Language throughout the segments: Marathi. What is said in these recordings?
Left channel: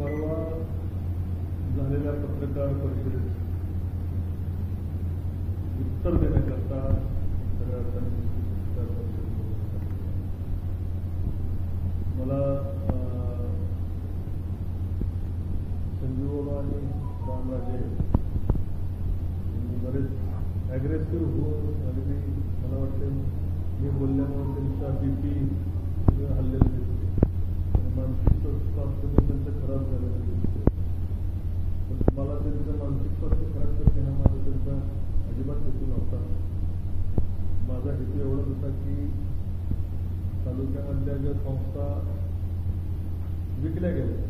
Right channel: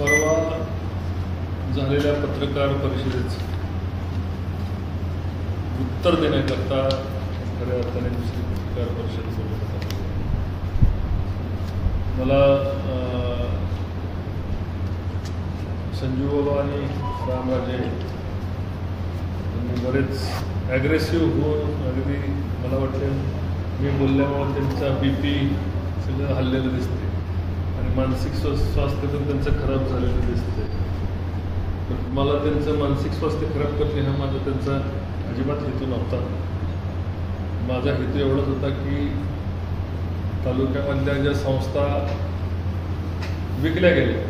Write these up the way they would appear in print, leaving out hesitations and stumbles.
परवा झालेल्या पत्रकार परिषदेचं उत्तर देण्याकरता खऱ्या अर्थाने दुसरी पत्रकार परिषद बोलवण्यात आली. मला संजू बाबा आणि रामराजे यांनी बरेच ॲग्रेसिव्ह होऊन अगदी मला वाटतं मी बोलल्यामुळे त्यांचा BP सगळं हल्लेलं दिसते आणि मानसिक स्वास्थ्य पण त्यांचं खराब झालेलं दिसते. पण मला त्यांचं मानसिक स्वास्थ्य खराब करणे हा माझा त्यांचा अजिबात हेतू नव्हता. माझा हेतू एवढाच होता की तालुक्यामधल्या ज्या संस्था विकल्या गेल्या,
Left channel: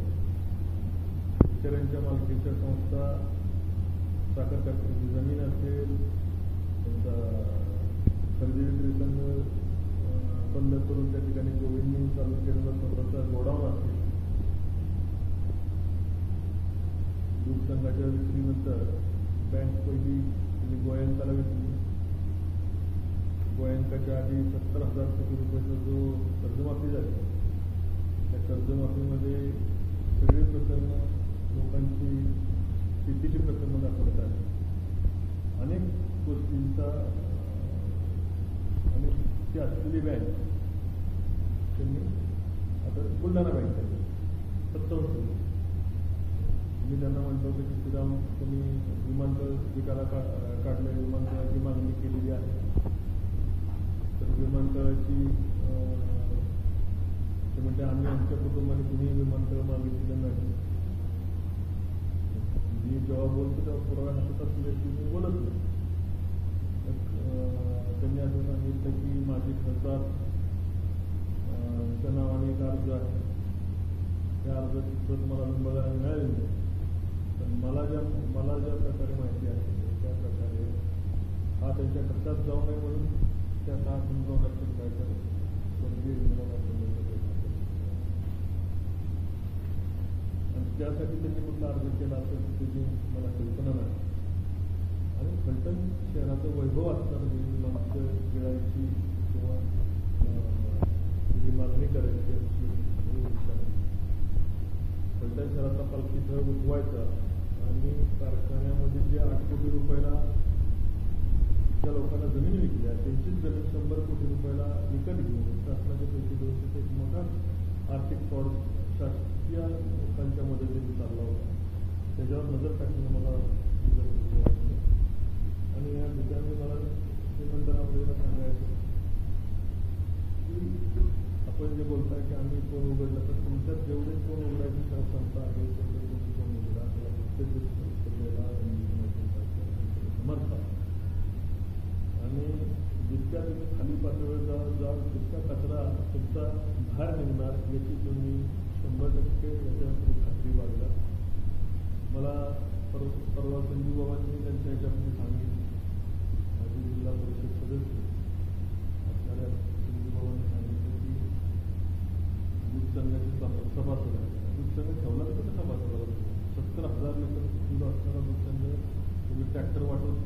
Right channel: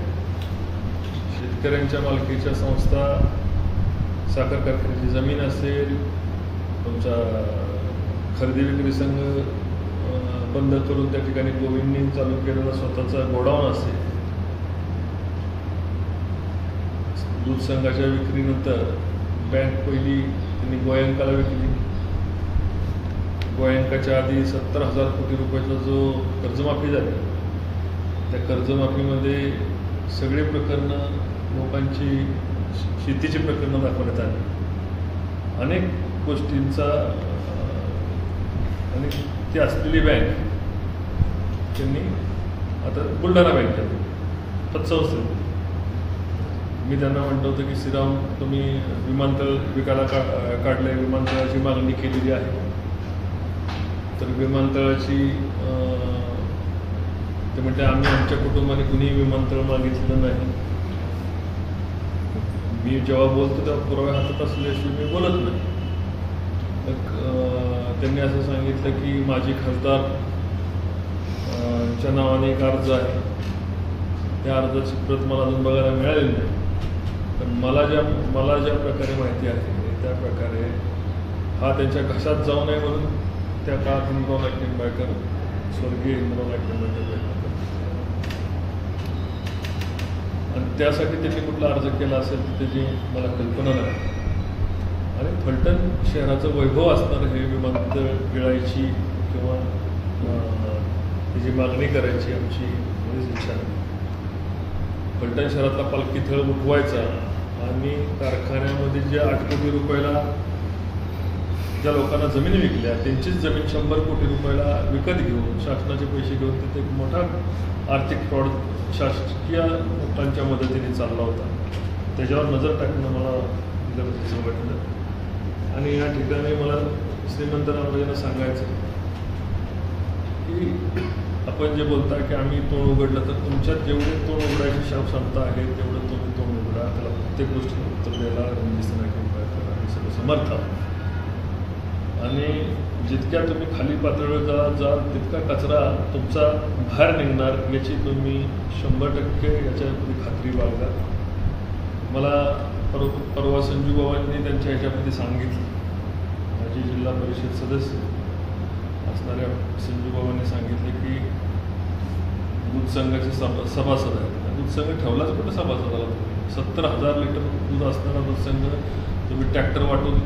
शेतकऱ्यांच्या मालकीच्या संस्था, साखर कारखान्याची जमीन असेल, तुमचा खरेदी विक्री संघ बंद करून त्या ठिकाणी गोविंदनी चालू केलेला स्वतःचा गोडाऊन असेल, दूध संघाच्या विक्रीनंतर बँक पहिली त्यांनी गोयंकाला विकली. गोयंकाच्या आधी 70,000 कोटी रुपयाचा जो कर्जमाफी झाली, त्या कर्जमाफीमध्ये सगळी प्रकरणं लोकांची शेतीची प्रकरणं दाखवण्यात आली. अनेक गोष्टींचा आणि ती असलेली बँक त्यांनी आता बुलढाणा बँकेत पतसंस्थेत मी त्यांना म्हणतो होतं की श्रीराम तुम्ही विमानतळ विकायला काढले, विमानतळाची मागणी केलेली आहे, तर विमानतळाची ते म्हणते आम्ही आमच्या कुटुंबाने कुणीही विमानतळ मागितलं नाही. मी जेव्हा बोलतो तेव्हा पुरावे हातात असल्याशिवाय मी बोलत नाही. त्यांनी असं सांगितलं की माझी खासदार च्या नावाने एक अर्ज आहे, त्या अर्जाची प्रत मला अजून बघायला मिळालेली नाही. पण मला ज्या प्रकारे माहिती आहे त्या प्रकारे हा त्यांच्या घशात जाऊ नये म्हणून त्या काळात इंद्रानाथ निंबाळकर, स्वर्गीय इंद्रानाथ निंबाळकर, आणि त्यासाठी त्यांनी कुठला अर्ज केला असेल तर त्याची मला कल्पना नाही. आणि फलटण शहराचं वैभव असणारं हे विमानतळ गिळायची किंवा त्याची मागणी करायची आमची बरीच इच्छा आहे. फलटण शहरातला पालखी थळ उठवायचा आणि कारखान्यामध्ये जे 8 कोटी रुपयाला ज्या लोकांना जमिनी विकल्या त्यांचीच जमीन 100 कोटी रुपयाला विकत घेऊन शासनाचे पैसे घेऊन तिथे एक मोठा आर्थिक फ्रॉड शासकीय लोकांच्या मदतीने चालला होता. त्याच्यावर नजर टाकणं मला गरजेचं वाटलं. आणि या ठिकाणी मला श्रीमंत रामराजेंना सांगायचं की आपण जे बोलता की आम्ही तोंड उघडलं, तर तुमच्यात जेवढे तोंड उघडायची क्षमता आहे तेवढं तुम्ही तोंड उघडा. त्याला प्रत्येक गोष्टीला उत्तर द्यायला आणि सगळं समर्थ. आणि जितक्या तुम्ही खाली पातळीवर जाल तितका कचरा तुमचा बाहेर निघणार याची तुम्ही 100% याच्यामध्ये खात्री बाळगा. मला परवा संजू बाबांनी त्यांच्या ह्याच्यामध्ये सांगितलं, माझी जिल्हा परिषद सदस्य असणाऱ्या संजू बाबांनी सांगितले की दूध संघाचे सभासद आहेत. दूध संघ ठेवलाच कुठं सभासदाला तुम्ही? 70,000 लिटर दूध असणारा दूध संघ तुम्ही ट्रॅक्टर वाटून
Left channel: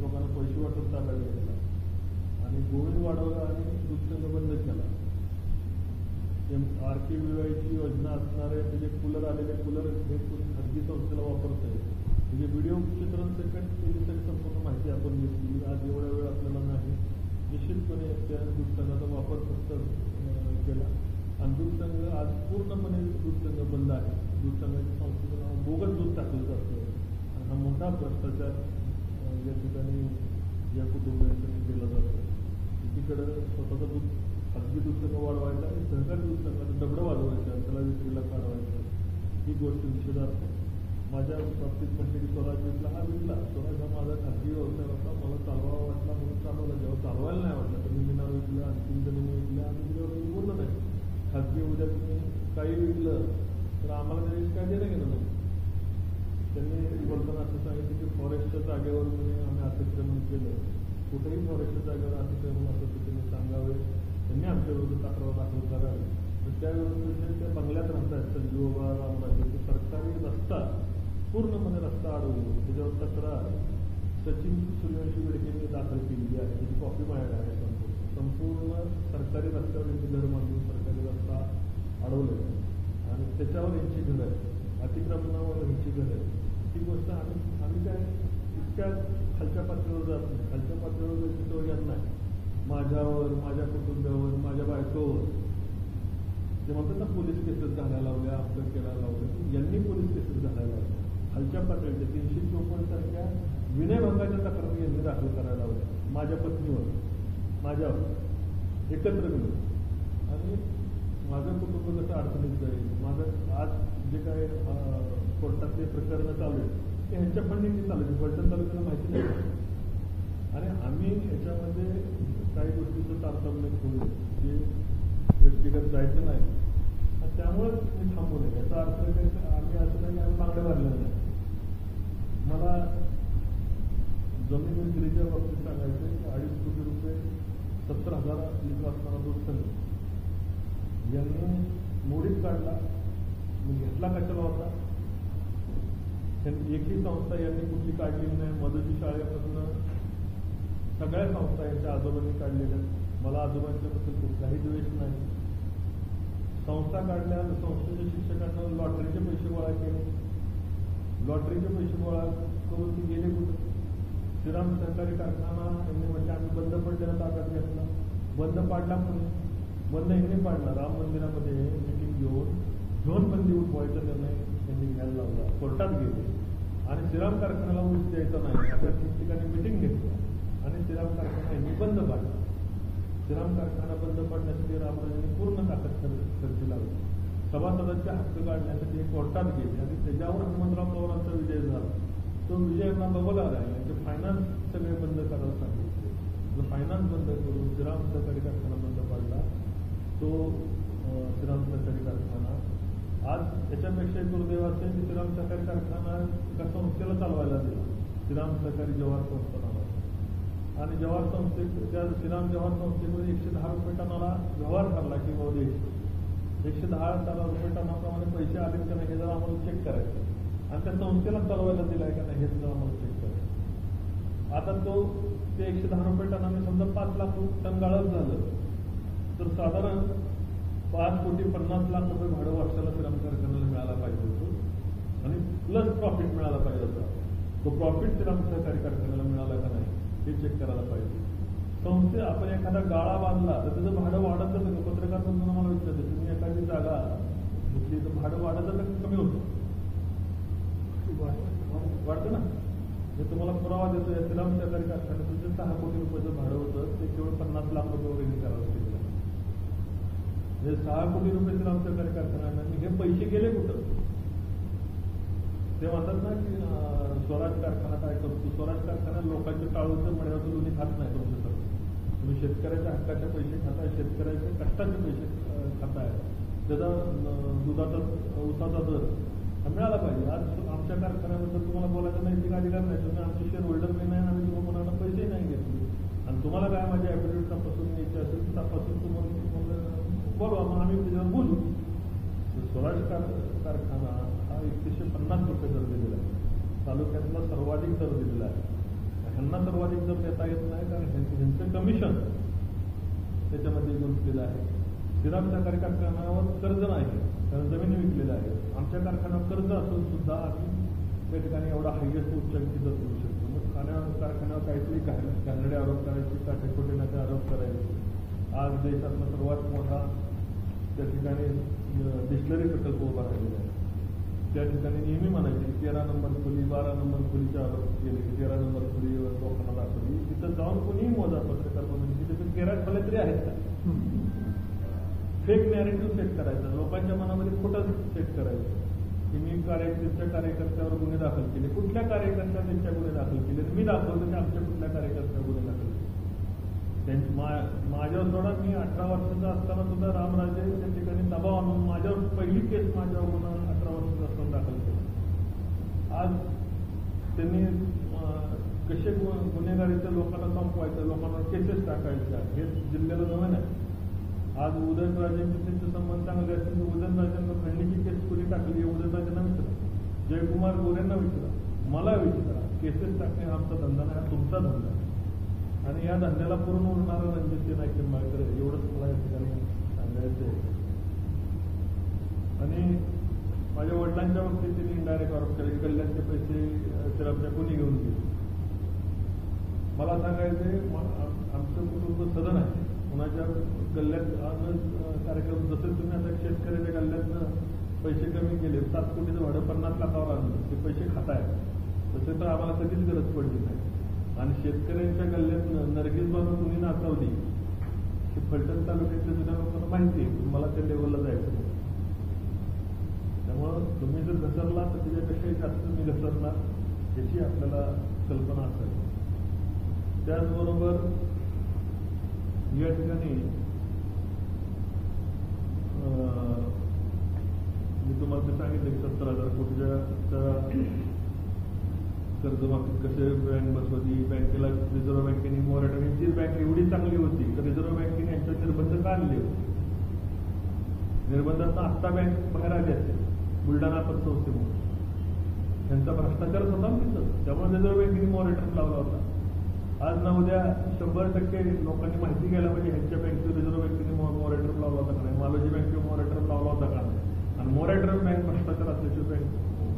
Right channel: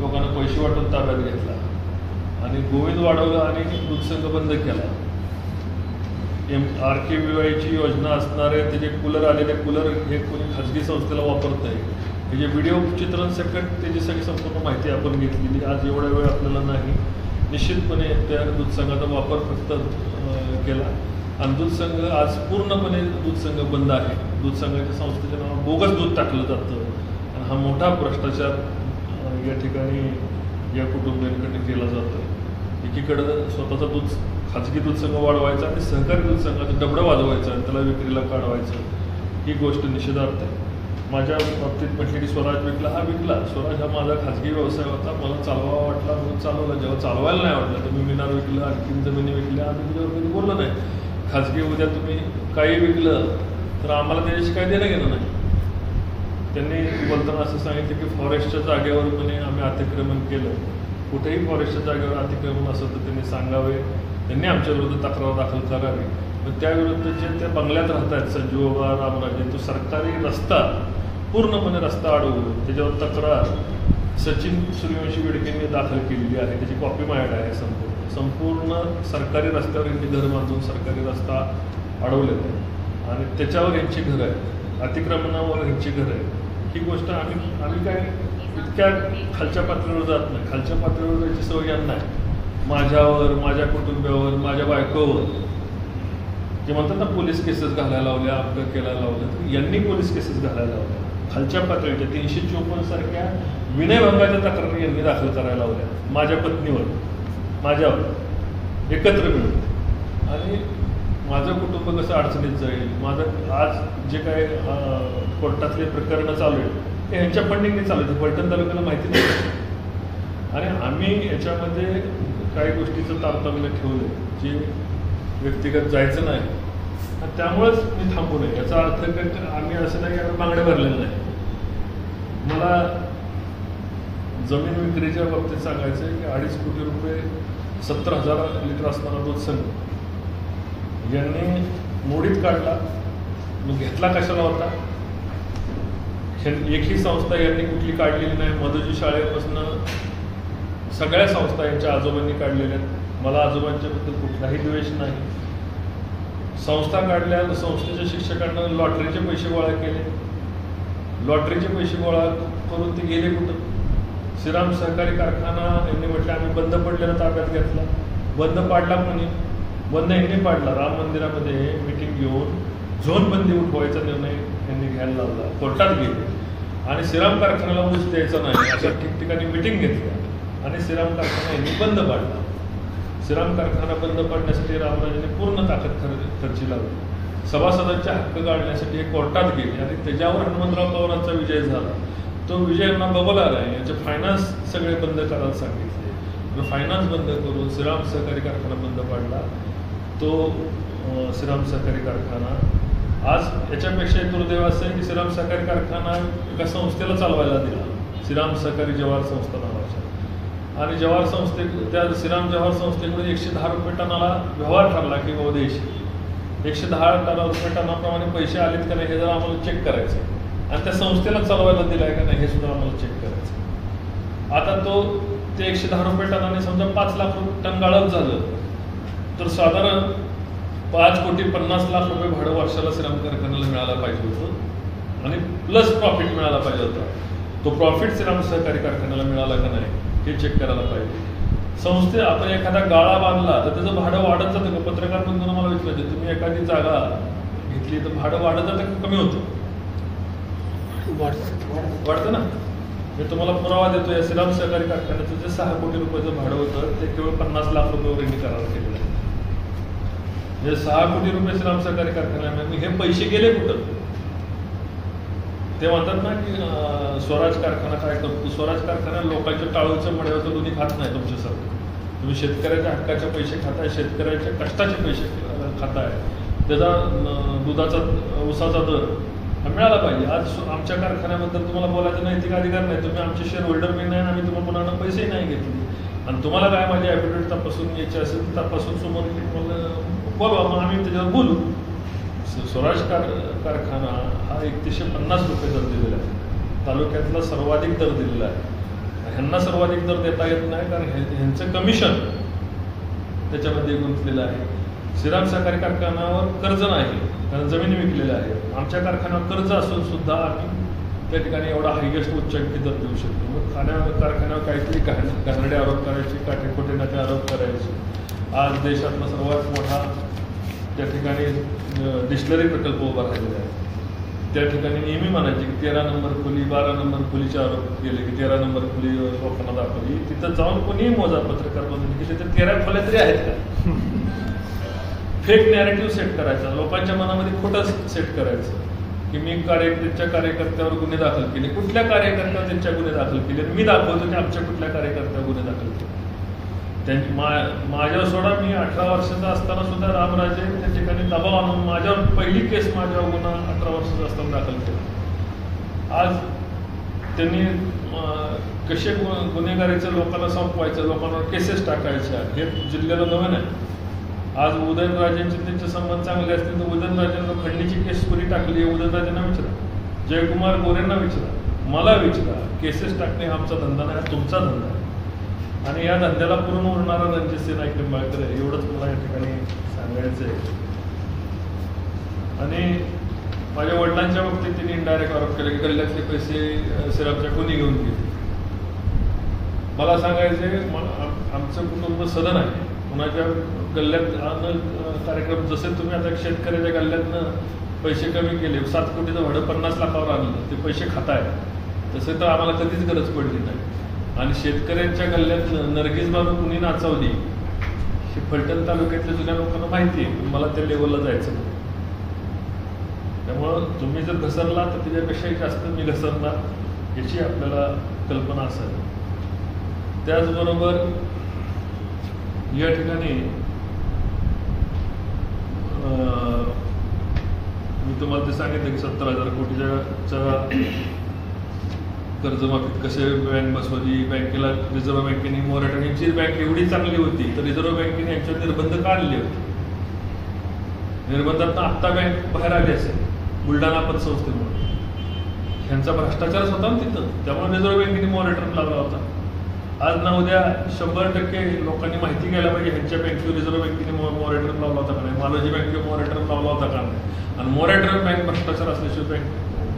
लोकांना पैसे वाटून ताब्यात घेतला आणि गोविंद वाढवला आणि दूध संघ बंद केला. RKVYची योजना असणारे त्याचे कूलर आलेले कूलर हे कोणी खाजगी संस्थेला वापरत आहे. हे जे व्हिडिओ चित्रण सकट त्याची सगळी संपूर्ण माहिती आपण घेतलेली. आज एवढा वेळ आपल्याला नाही. निश्चितपणे त्या दूध संघाचा वापर फक्त केला आणि दूध संघ आज पूर्णपणे दूध संघ बंद आहे. दूध संघाच्या संस्थेच्या नावावर बोगस दूध टाकलं जातं आणि हा मोठा भ्रष्टाचार या ठिकाणी या कुटुंबियांकडे केला जातो. एकीकडं स्वतःचा दूध खाजगी दूध संघ वाढवायचा आणि सहकारी दूध संघाचं डबडं वाजवायचं आणि त्याला विक्रीला काढवायचं, ही गोष्ट निषेधार्थ आहे. माझ्या बाबतीत म्हटले की स्वराज विकला, हा विकला. स्वराज हा माझा खाजगी व्यवसाय होता, मला चालवावा वाटला म्हणून चालवला. जेव्हा चालवायला नाही वाटलं तर मी मिनार विकलं, आणखीन जमिनी विकल्या, आम्ही तुझ्यावर कधी बोललो नाही. खाजगी उद्या तुम्ही काही विकलं तर आम्हाला त्याच्याशी काय देणं घेणं नाही. त्यांनी बोलताना असं सांगितलं की फॉरेस्टच्या जागेवर पण आम्ही अतिक्रमण केलं. कुठेही फॉरेस्टच्या जागेवर अतिक्रमण असेल तर त्यांनी सांगावे, त्यांनी आमच्याविरुद्ध तक्रार दाखल करावी. पण त्याविरुद्ध जे त्या बंगल्यात राहत आहेत संजू बाबा, रामराजे, तो सरकारी रस्ता पूर्णपणे रस्ता अडवून त्याच्यावर तक्रार सचिन सूर्यवंशी बेडकेंनी दाखल केलेली आहे. त्याची कॉपी माझ्याकडे आहे. संपूर्ण सरकारी रस्त्यावर यांची घर बांधून सरकारी रस्ता अडवलेला आहे आणि त्याच्यावर यांची घरं आहेत. अतिक्रमणावर ह्यांची घरं आहे, ही गोष्ट आम्ही काय इतक्या खालच्या पातळीवर जात नाही. खालच्या पातळीवर जायची सवय यांना आहे. माझ्यावर, माझ्या कुटुंबावर, माझ्या बायकोवर जे म्हणतात ना पोलीस केसेस घालायला लावल्या, अपघात केला लावलं, तर यांनी पोलीस केसेस घालायला लावल्या. खालच्या पातळीच्या 354 सारख्या विनयभंगाच्या तक्रारी यांनी दाखल करायला लावल्या माझ्या पत्नीवर, माझ्यावर एकत्र मिळून. आणि माझं कुटुंब कसं अडचणीत जाईल, माझं आज जे काय कोर्टातले प्रकरणं चालू आहेत ते ह्यांच्या फंडिंगने चालू आहेत, फलटण तालुक्याला माहिती नाही. आणि आम्ही याच्यामध्ये काही गोष्टीचं तारतम्य ठेवलं जे व्यक्तिगत जायचं नाही, आणि त्यामुळेच मी थांबू नये. याचा अर्थ आम्ही असं नाही की आम्ही बांगड्या भरलेलं नाही. मला जमीन विक्रीच्या बाबतीत सांगायचं आहे की 2.5 कोटी रुपये 70,000 लिटर असणारा दूध संघ यांनी मोडीत काढला. मग घेतला कशाला होता? एकही संस्था यांनी कुठली काढलेली नाही. मधुजी शाळेपासून सगळ्या संस्था यांच्या आजोबांनी काढलेल्या आहेत. मला आजोबांच्याबद्दल कुठलाही द्वेष नाही. संस्था काढल्या, संस्थेच्या शिक्षकांना लॉटरीचे पैसे गोळा केले. लॉटरीचे पैसे गोळा करून ते गेले कुठं? श्रीराम सहकारी कारखाना यांनी म्हटलं आम्ही बंद पडलेला ताब्यात घेतला. बंद पाडला कोणी? बंद यांनी पाडला. राम मंदिरामध्ये मिटिंग घेऊन झोनबंदी उठवायचा निर्णय यांनी घ्यायला लावला. कोर्टात गेले आणि श्रीराम कारखान्याला ऊस द्यायचा नाही अशा ठिकठिकाणी मिटिंग घेतल्या आणि श्रीराम कारखाना यांनी बंद पाडला. श्रीराम कारखाना बंद पाडण्यासाठी रामराजेने पूर्ण ताकद खर्ची लावली. सभासदांचे हक्क काढण्यासाठी हे कोर्टात गेले आणि त्याच्यावर हनुमंतराव पवारांचा विजय झाला. तो विजय यांना बबल आला आहे. याचे फायनान्स सगळे बंद करायला सांगितले. फायनान्स बंद करून श्रीराम सहकारी कारखाना बंद पाडला. तो श्रीराम सहकारी कारखाना आज याच्यापेक्षा दुर्दैव असं आहे की श्रीराम सहकारी कारखाना एका संस्थेला चालवायला दिला, श्रीराम सहकारी जवाहर संस्था नावाच्या. आणि जवाहर त्या श्रीराम जवाहर संस्थेमध्ये 110 रुपये टनाला व्यवहार ठरला की बाबा देश 110 रुपये टनाप्रमाणे पैसे आलेत का नाही हे जर आम्हाला चेक करायचं आणि त्या संस्थेला चालवायला दिलाय का नाही हे सुद्धा आम्हाला चेक करायचं. आता ते 110 रुपये टनाने समजा 5 लाख टन गाळप झालं तर साधारण 5,50,00,000 रुपये भाडं वर्षाला श्रीराम कारखान्याला मिळायला पाहिजे होतं आणि प्लस प्रॉफिट मिळायला पाहिजे होता. तो प्रॉफिट श्रीराम सहकारी कारखान्याला मिळाला का नाही हे चेक करायला पाहिजे. आपण एखादा गाळा बांधला तर त्याचं भाडं वाढत जातं का? पत्रकार बंधूंना मला विचारायचं, तुम्ही एखादी जागा घेतली तर भाडं वाढत जातं का कमी होतं? वाढतं ना. मी तुम्हाला पुरावा देतो. या श्रीराम सहकारी कारखान्याचं जे 6 कोटी रुपयाचं भाडं होतं ते केवळ 50 लाख रुपयावर यांनी करार केलेलं आहे. म्हणजे 6 कोटी रुपये श्रीराम सहकारी कारखान्यामध्ये हे पैसे गेले कुठं? ते म्हणतात ना की स्वराज कारखाना काय करतो? स्वराज कारखाना लोकांच्या टाळूचं मड्यावरचं दोन्ही खात नाही तुमच्यासारखं. तुम्ही शेतकऱ्याच्या हक्काचे पैसे खाताय, शेतकऱ्याच्या कष्टाचे पैसे खाताय. त्याचा दुधाचा ऊसाचा दर मिळाला पाहिजे. आज आमच्या कारखान्याबद्दल तुम्हाला बोलायचा नैतिक अधिकार नाही. तुम्ही आमचे शेअर होल्डर बी नाही, आम्ही तुम्हाला कोणाला पैसेही नाही घेतले. आणि तुम्हाला काय माझी ॲफिडेविट तपासून यायची असेल तर तपासून समोर बोलवा, मग आम्ही त्याच्यावर बोलू. स्वराज कारखाना हा 3150 रुपये दर दिलेला आहे. तालुक्यातला सर्वाधिक दर दिलेला आहे. ह्यांना सर्वाधिक दर देता येत नाही कारण ह्यांचं कमिशन त्याच्यामध्ये गुंतलेलं आहे. श्रीराम सहकारी कारखान्यावर कर्ज नाही कारण जमिनी विकलेल्या आहेत. आमच्या कारखान्यावर कर्ज असून सुद्धा आम्ही त्या ठिकाणी एवढा हायएस्ट उच्चांकी दर देऊ शकतो. मग कारखान्यावर काहीतरी घाणेरडे आरोप करायचे, काटेकोटे नाते आरोप करायचे. आज देशातला सर्वात मोठा त्या ठिकाणी डिस्टिलरी प्रकल्प उभा राहिलेला आहे. त्या ठिकाणी नेहमी म्हणायचे की 13 नंबर खोली, 12 नंबर खोलीचे आरोप केले की 13 नंबर खोली लोकांना दाखवली. तिथं जाऊन कोणीही मोजा पत्रकार बनवली की तिथे 13 खोल्या तरी आहेत का? फेक नॅरेटिव्ह सेट करायचा, लोकांच्या मनामध्ये खोटं सेट करायचं की मी त्यांच्या कार्यकर्त्यावर गुन्हे दाखल केले. कुठल्या कार्यकर्त्यावर त्यांच्या गुन्हे दाखल केले? मी दाखवतो की आमच्या कुठल्या कार्यकर्त्यावर गुन्हे दाखल केले. माझ्यावर सोडा, मी 18 वर्षाचा असताना सुद्धा रामराजे त्या ठिकाणी दबाव आणून माझ्यावर पहिली केस माझ्यावर गुन्हा 18 वर्षाचा असताना दाखल केला. आज त्यांनी कसे गुन्हेगारीचं लोकांना संपवायचं, लोकांवर केसेस टाकायच्या हे जिल्ह्याला नवीन आहे. आज उदयनराजेंचे त्यांचे संबंध चांगले असतील तर उदयनराजेंना खंडणीची केस कुणी टाकली आहे उदयनराजेंना विचारा, जयकुमार गोरेंना विचारा, मला विचारा. केसेस टाकणे हा आमचा धंदा नाही, हा तुमचा धंदा आहे. आणि या धंद्याला पूर्ण उरणारा रणजितसिंह नाईक निंबाळकर आहे, एवढंच मला या ठिकाणी सांगायचं आहे. आणि माझ्या वडिलांनी वडिलांच्या बाबतीत त्यांनी इनडायरेक्ट आरोप केला की गल्ल्यातले पैसे सिरापच्या कोणी घेऊन गेले. मला सांगायचे आमचं कुटुंब सदन आहे, कुणाच्या गल्ल्यात कार्यक्रम जसे तुम्ही आता शेतकऱ्याच्या गल्ल्यातनं पैसे कमी केले, 7 कोटीचं भाडं 50 लाखावर आणलं, ते पैसे खाताय, तसे तर आम्हाला कधीच गरज पडली नाही. आणि शेतकऱ्यांच्या गल्ल्यातनं नर्गिस बाबू कुणी नाचवली हे फलटण तालुक्यातल्या जुन्या लोकांना माहिती आहे, मला त्या लेवलला जायचं नाही. त्यामुळं तुम्ही जर घसरला तर त्याच्यापेक्षाही जास्त मी घसरणार याची आपल्याला कल्पना असावी. त्याचबरोबर या ठिकाणी मी तुम्हाला ते सांगितलं की 70,000 कोटीच्या कर्जमाफीत कसे बँक बसवली, बँकेला रिझर्व्ह बँकेने मोराटोरियमची बँक एवढी चांगली होती तर रिझर्व्ह बँकेने यांच्यावर निर्बंध काढले होते. निर्बंधातनं आत्ता बँक बाहेर आली असेल बुलढाणा पतसंस्थेमुळे. ह्यांचा भ्रष्टाचारच होता ना तिथं, त्यामुळे रिझर्व्ह बँकेने मोराटोरियम लावला होता. आज ना उद्या 100% लोकांनी माहिती घ्यायला पाहिजे ह्यांच्या बँकेवर रिझर्व्ह बँकेने मोराटोरियम लावला होता का नाही, मालोजी बँकेवर मोराटोरियम लावला होता का नाही. आणि मोराटोरियम बँक भ्रष्टाचार असल्याशिवाय बँक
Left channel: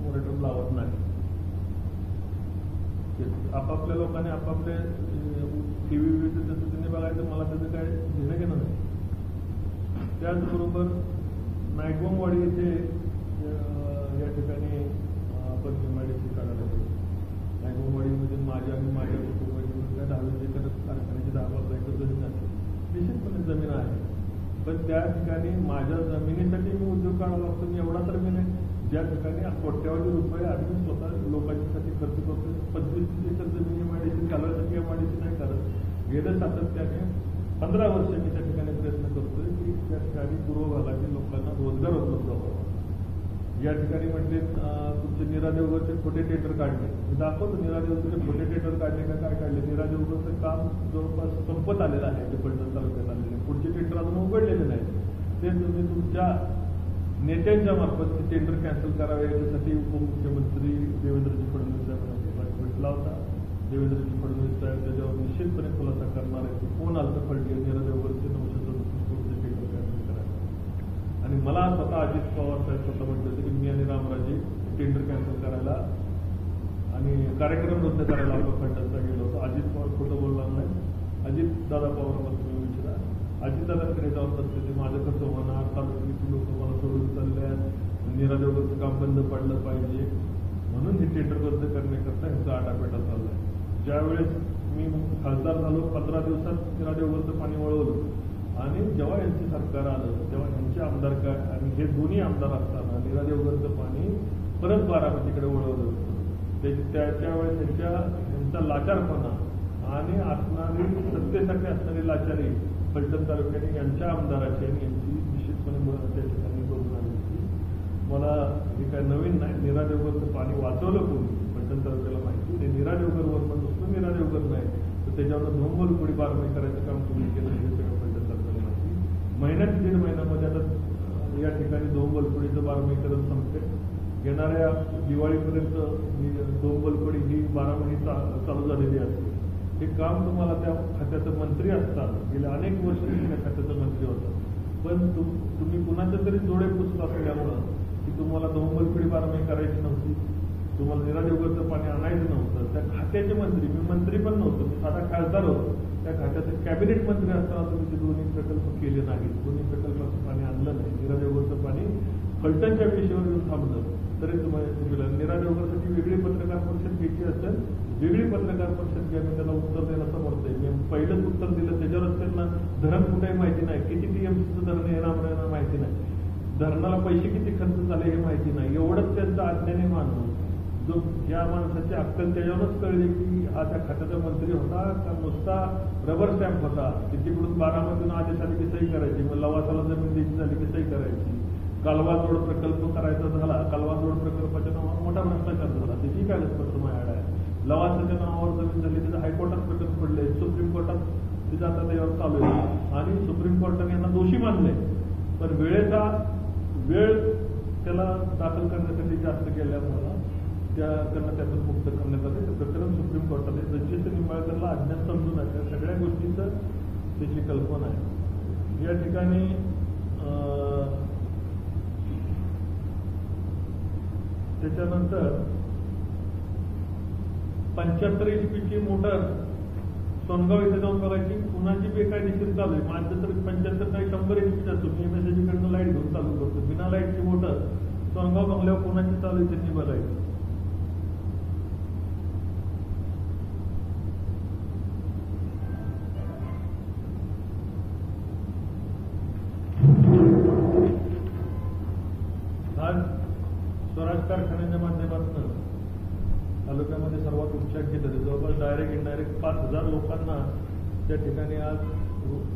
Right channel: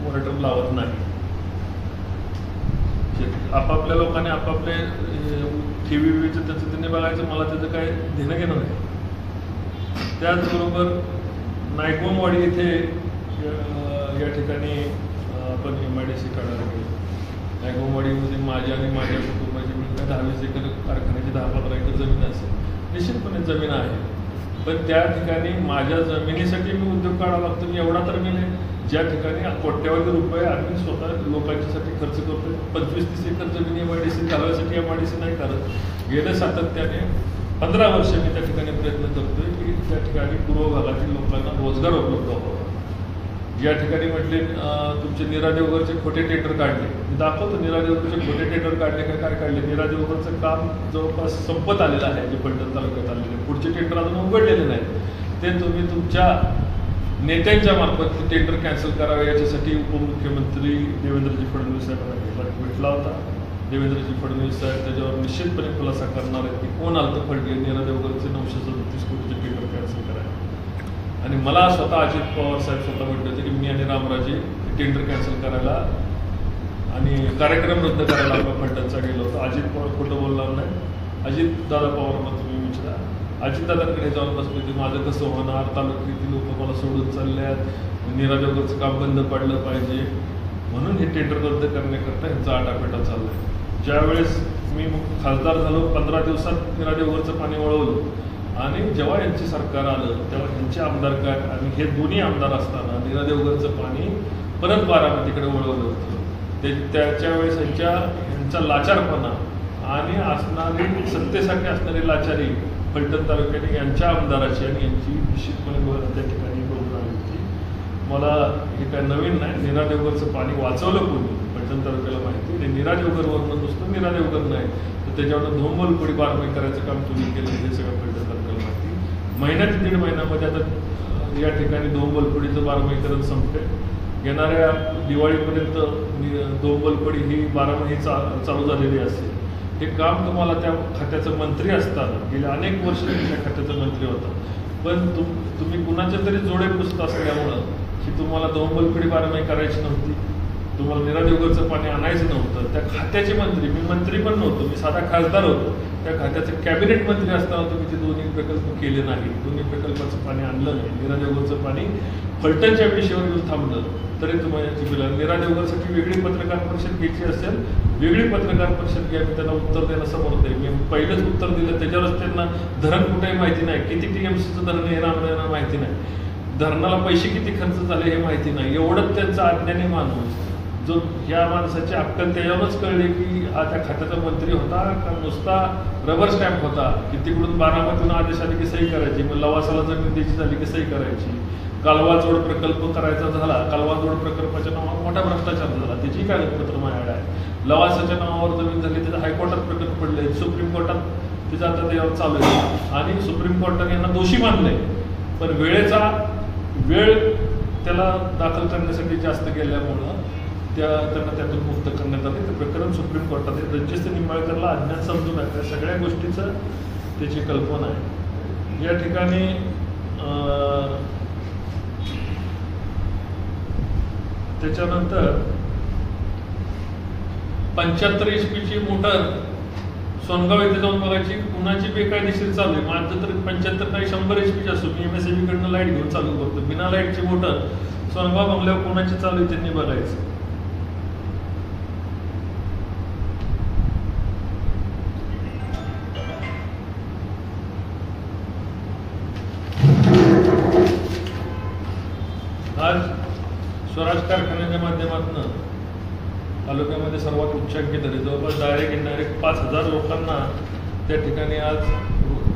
मोराटोरियम लावत नाही. आपापल्या लोकांनी आपापले ठेवीचं त्याचं त्यांनी बघायचं, मला त्याचं काय घेणं घेणं नाही. त्याचबरोबर नायकोमवाडी इथे या ठिकाणी आपण MIDC काढायला गेलो. नायकोमवाडीमध्ये माझ्या आणि माझ्या कुटुंबाची मिळून 10-20 एकर कारखान्याची 10-15 एकर जमीन असेल, निश्चितपणे जमीन आहे. पण त्या ठिकाणी माझ्या जमिनीसाठी मी उद्योग काढावा लागतो. मी एवढा तर मी नाही, ज्या ठिकाणी कोट्यवधी रुपये आम्ही स्वतः लोकांच्यासाठी खर्च करतो. 25-30 एकर जमीन MIDC घालवायसाठी MIDC नाही करत. गेल्या सातत्याने 15 वर्ष मी त्या ठिकाणी प्रयत्न करतोय की त्या ठिकाणी पूर्व भागातील लोकांना रोजगार उपलब्ध व्हावा. ज्या ठिकाणी म्हटले तुमचे नीरा देवघरचे खोटे टेंडर काढले, मी दाखवतो नीरा देवघरचे खोटे टेंडर काढले काय काढले. नीरा देवघरचं काम जवळपास संपत आलेलं आहे, जे फलटण तालुक्यात आलेले. पुढचे टेंडर अजून उघडलेले नाही, ते तुम्ही तुमच्या नेत्यांच्या मार्फत ते टेंडर कॅन्सल करावे याच्यासाठी उपमुख्यमंत्री देवेंद्रजी फडणवीस साहेबांना भेटला होता. देवेंद्रजी फडणवीस साहेब त्याच्यावर निश्चितपणे खुलासा करणार आहेत की कोण आलं फलटण नीरा देवघरचे 937 कोटीचे टेंडर कॅन्सल करायला. आणि मला स्वतः अजित पवार साहेब स्वतः म्हटले होते की मी आणि रामराजे टेंडर कॅन्सल करायला आणि कार्यक्रम रद्द करायला आपण फलटणचा गेलो होतो. अजित पवार खोटं बोलणार नाही. अजित दादा पवारांना तुम्ही विचारा, अजितदादांकडे जाऊन बसले की माझं कसं होणार, तालुक्यातील लोक मला सोडून चालल्यात, नीरा देवघरचं काम बंद पडलं पाहिजे म्हणून हे टेंडर रद्द करण्याकरता ह्यांचा आटापेटा चालला आहे. ज्यावेळेस मी खासदार झालो 15 दिवसात नीरा देवघरचं पाणी वळवलं आणि जेव्हा यांचे सरकार आलं तेव्हा ह्यांचे आमदार काय आणि हे दोन्ही आमदार असताना नीरा देवघरचं पाणी परत बारामतीकडे वळवलं होतं. ते त्याच्या वेळेस ह्यांचा लाचारपणा आणि असणारी सत्तेसाठी असणारी लाचारी फलटण तालुक्याने यांच्या आमदाराची आणि यांची निश्चितपणे त्या ठिकाणी योजना होती. मला हे काय नवीन नाही. नीरा देवघरचं पाणी वाचवलं कोणी फलटण तालुक्याला माहिती. आणि नीरा देवघरवरनं नुसतं नीरा देवघर नाही तर त्याच्यावर धोंबलपुडी बारमाही करायचं काम तुम्ही केलं हे सगळं फलटण तालुक्याला माहिती. महिन्यात 1.5 महिन्यामध्ये आता या ठिकाणी धोंबलपुडीचं बारमाहीकरण संपते. येणाऱ्या दिवाळीपर्यंत धोंबलपुडी ही बारामाही चालू झालेली असेल. हे काम तुम्हाला त्या खात्याचं मंत्री असताना गेले अनेक वर्ष त्या खात्याचा मंत्री होता, पण तुम्ही कुणाच्या तरी जोडे पुसत असल्यामुळं की तुम्हाला धोंबलपुडी बारमाही करायची नव्हती, तुम्हाला नीरा देवघरचं पाणी आणायचं नव्हतं. त्या खात्याचे मंत्री, मी मंत्री पण नव्हतो, मी साधा खासदार होतो, त्या खात्याचे कॅबिनेट मंत्री असताना तुम्ही ते दोन्ही प्रकल्प केले नाही. दोन्ही प्रकल्पाचं पाणी आणलं नाही. नीरा देवघरचं पाणी फलटणच्या विषयावर येऊन थांबलं तरी तुम्हाला याची बिल. नीरा देवघरसाठी वेगळी पत्रकार परिषद घ्यायची असेल, वेगळी पत्रकार परिषद घ्या, मी त्यांना उत्तर द्यायला समर्थ आहे. मी पहिलंच उत्तर दिलं, त्याच्यावरच त्यांना धरण कुठेही माहिती नाही, किती TMCचं धरण हे रामरायांना माहिती नाही, धरणाला पैसे किती खर्च झाले हे माहिती नाही. एवढंच त्यांचा अज्ञानी माणूस जो ह्या माणसाची अक्कल त्याच्यावरच कळले की हा त्या खात्याचा मंत्री होता का नुसता रबर स्टॅम्प होता की तिकडून बारामतीहून आदेश आले की सही करायची, मग लवासाला जमीन द्यायची झाली की सही करायची. कालवा जोड प्रकल्प करायचा झाला, कालवा जोड प्रकल्पाच्या नावावर मोठा भ्रष्टाचार झाला, त्याची कागदपत्र माझ्याकडे आहे. लवासाच्या नावावर जमीन झाली, त्याचं हायकोर्टात प्रकरण पडले, सुप्रीम कोर्टात त्याचं आता त्याच्यावर चालू आहे आणि सुप्रीम कोर्टाने यांना दोषी मानले. पण वेळेचा वेळ त्याला दाखल करण्यासाठी जास्त गेल्यामुळं त्यांना त्यातून मुक्त करण्यात आले. ते प्रकरण सुप्रीम कोर्टात आहे. रणजित निंबाळकरला अज्ञान समजू नका, सगळ्या गोष्टीचं त्याची कल्पना आहे. या ठिकाणी त्याच्यानंतर 75 HP ची मोटर सोनगाव येथे जाऊन बघायची, कुणाची बेकायदेशीर चालू आहे. माझं तर 75 नाही 100 HP ची असतो. मी MSEB कडनं लाईट घेऊन चालू करतो. बिना लाईटची मोटर सोनगाव बंगल्यावर कोणाची चालू आहे त्यांनी बघायचं. आज स्वराज कारखान्याच्या माध्यमातून तालुक्यामध्ये सर्वात उच्चांकी दर जवळपास डायरेक्ट इनडायरेक्ट 5000 लोकांना त्या ठिकाणी आज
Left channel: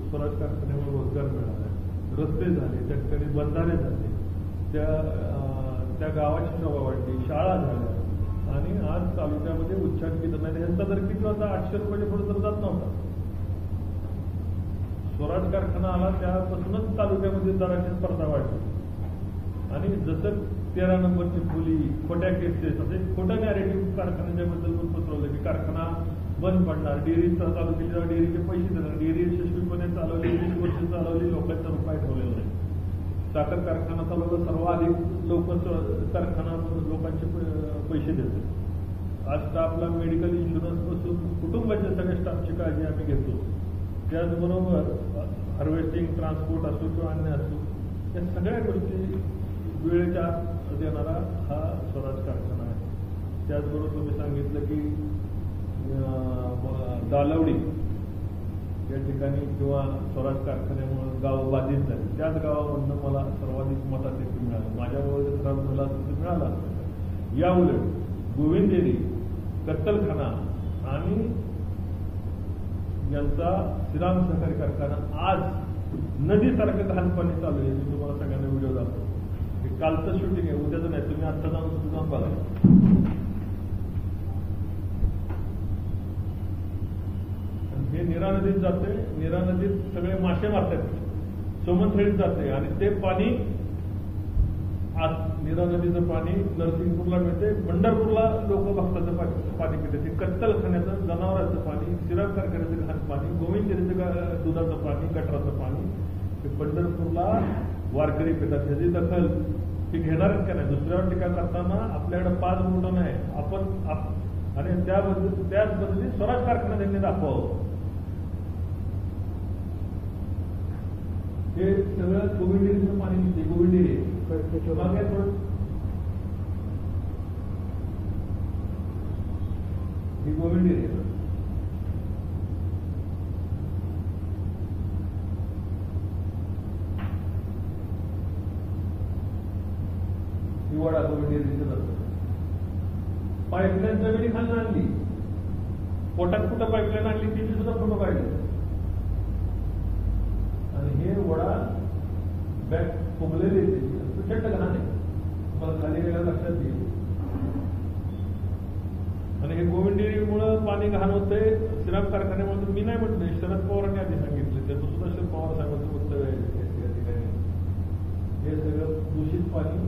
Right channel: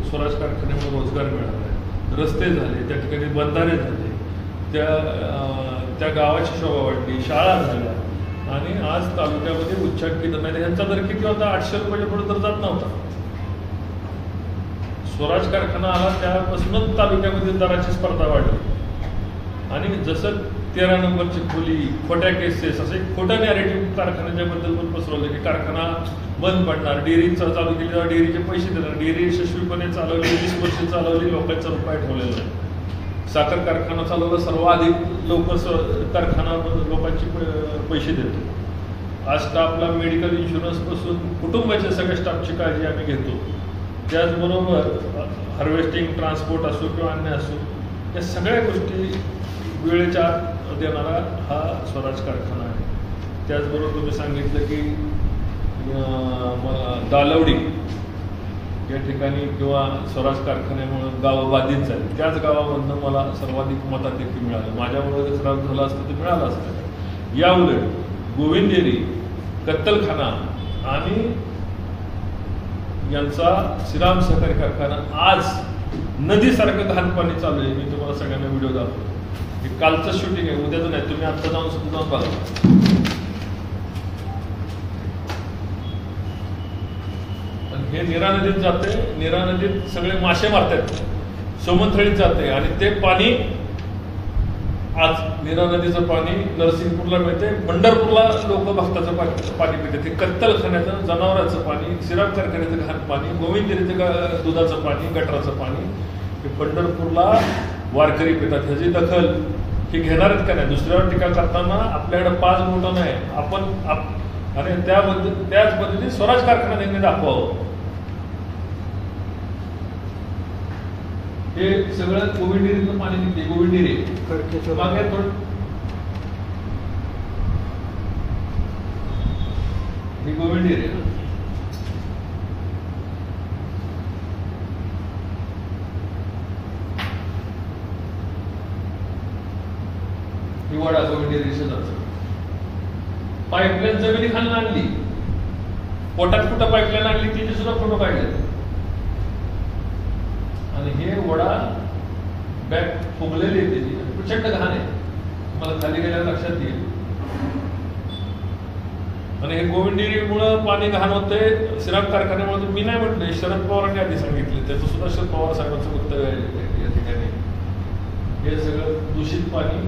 स्वराज कारखान्यामुळे रोजगार मिळाला आहे. रस्ते झाले, त्या ठिकाणी बंधारे झाले, त्या गावाची शोभा वाढली, शाळा झाल्या आणि आज तालुक्यामध्ये उच्चांकी दर नाही. यांचा दर किती होता? 800 रुपयाच्या पुढे दर जात नव्हता. स्वराज कारखाना आला त्यापासूनच तालुक्यामध्ये दराची स्पर्धा वाढली आणि जसं 13 नंबरची खोली, खोट्या केसेस, असे खोटं नॅरेटिव्ह कारखान्याच्या बद्दल पण पसरवलं की कारखाना बंद पडणार, डेअरी चालू केली तेव्हा डेअरीचे पैसे देणार, डेअरी यशस्वीपणे चालवली, 20 वर्ष चालवली, लोकांचा रुपये ठेवलेला आहे. साखर कारखाना चालवला, सर्वाधिक लोक कारखाना लोकांचे पैसे देतो. आज स्टाफला मेडिकल इन्शुरन्स पासून कुटुंबाच्या सगळ्या स्टाफची काळजी आम्ही घेतो. त्याचबरोबर हार्वेस्टिंग, ट्रान्सपोर्ट असो किंवा अन्य असो, या सगळ्या गोष्टी वेळेच्या आत देणारा हा स्वराज कारखाना आहे. त्याचबरोबर तुम्ही सांगितलं की दालवडी या ठिकाणी किंवा स्वराज कारखान्यामुळे गावं बाधित झाली. त्याच गावामधनं मला सर्वाधिक मताधिक्य मिळालं. माझ्यामुळे खराब झालं असतं ते मिळालं असतं. या उलट गोविंदेरी, कत्तलखाना आणि यांचा श्रीराम सहकारी कारखाना आज नदीसारखं घाण पाणी चालू आहे. मी तुम्हाला सगळ्यांना व्हिडिओ दाखवतो. हे कालचं शूटिंग आहे, उद्याचं नाही. तुम्ही आता जाऊन सुद्धा जाऊन बघा. हे नीरा नदीत जाते, नीरा नदीत सगळे मासे मारतात, सोमनथळीत जाते आणि ते पाणी आज नीरा नदीचं पाणी नरसिंगपूरला मिळते, पंढरपूरला लोक भक्ताचं पाणी पितात. हे कत्तलखान्याचं, जनावरांचं पाणी, श्रीराम कारखान्याचं घाण पाणी, गोविंदेरीचं दुधाचं पाणी, गटराचं पाणी हे पंढरपूरला वारकरी पितात. ह्याची दखल ही घेणार आहेत का नाही? दुसऱ्यावर टीका करताना आपल्याकडे 5 बोटं नाही, आपण आणि त्याच पद्धतीने स्वराज कारखान्याने दाखवावं. हे सगळं गोविंदेरीचं पाणी निघते. गोविंदेरी मागे थोडं ही गोविंदेरी ना, ही वडा गोविंदेरी शेजारचं. पाईपलाईन जमिनी खालून आणली, पोटात कुठं पाईपलाईन आणली तिथे सुद्धा फोटो काढले. आणि हे वडा बॅग फुगलेली आहे, त्याची प्रचंड घाण आहे, मला खाली गेल्यावर लक्षात येईल. आणि हे गोविंदेरीमुळं पाणी घाण होतंय श्रीराम कारखान्यामुळे. मी नाही म्हटलं, शरद पवारांनी आधी सांगितले, त्याचं सुद्धा शरद पवार साहेबांचं उत्तर आहे या ठिकाणी. हे सगळं दूषित पाणी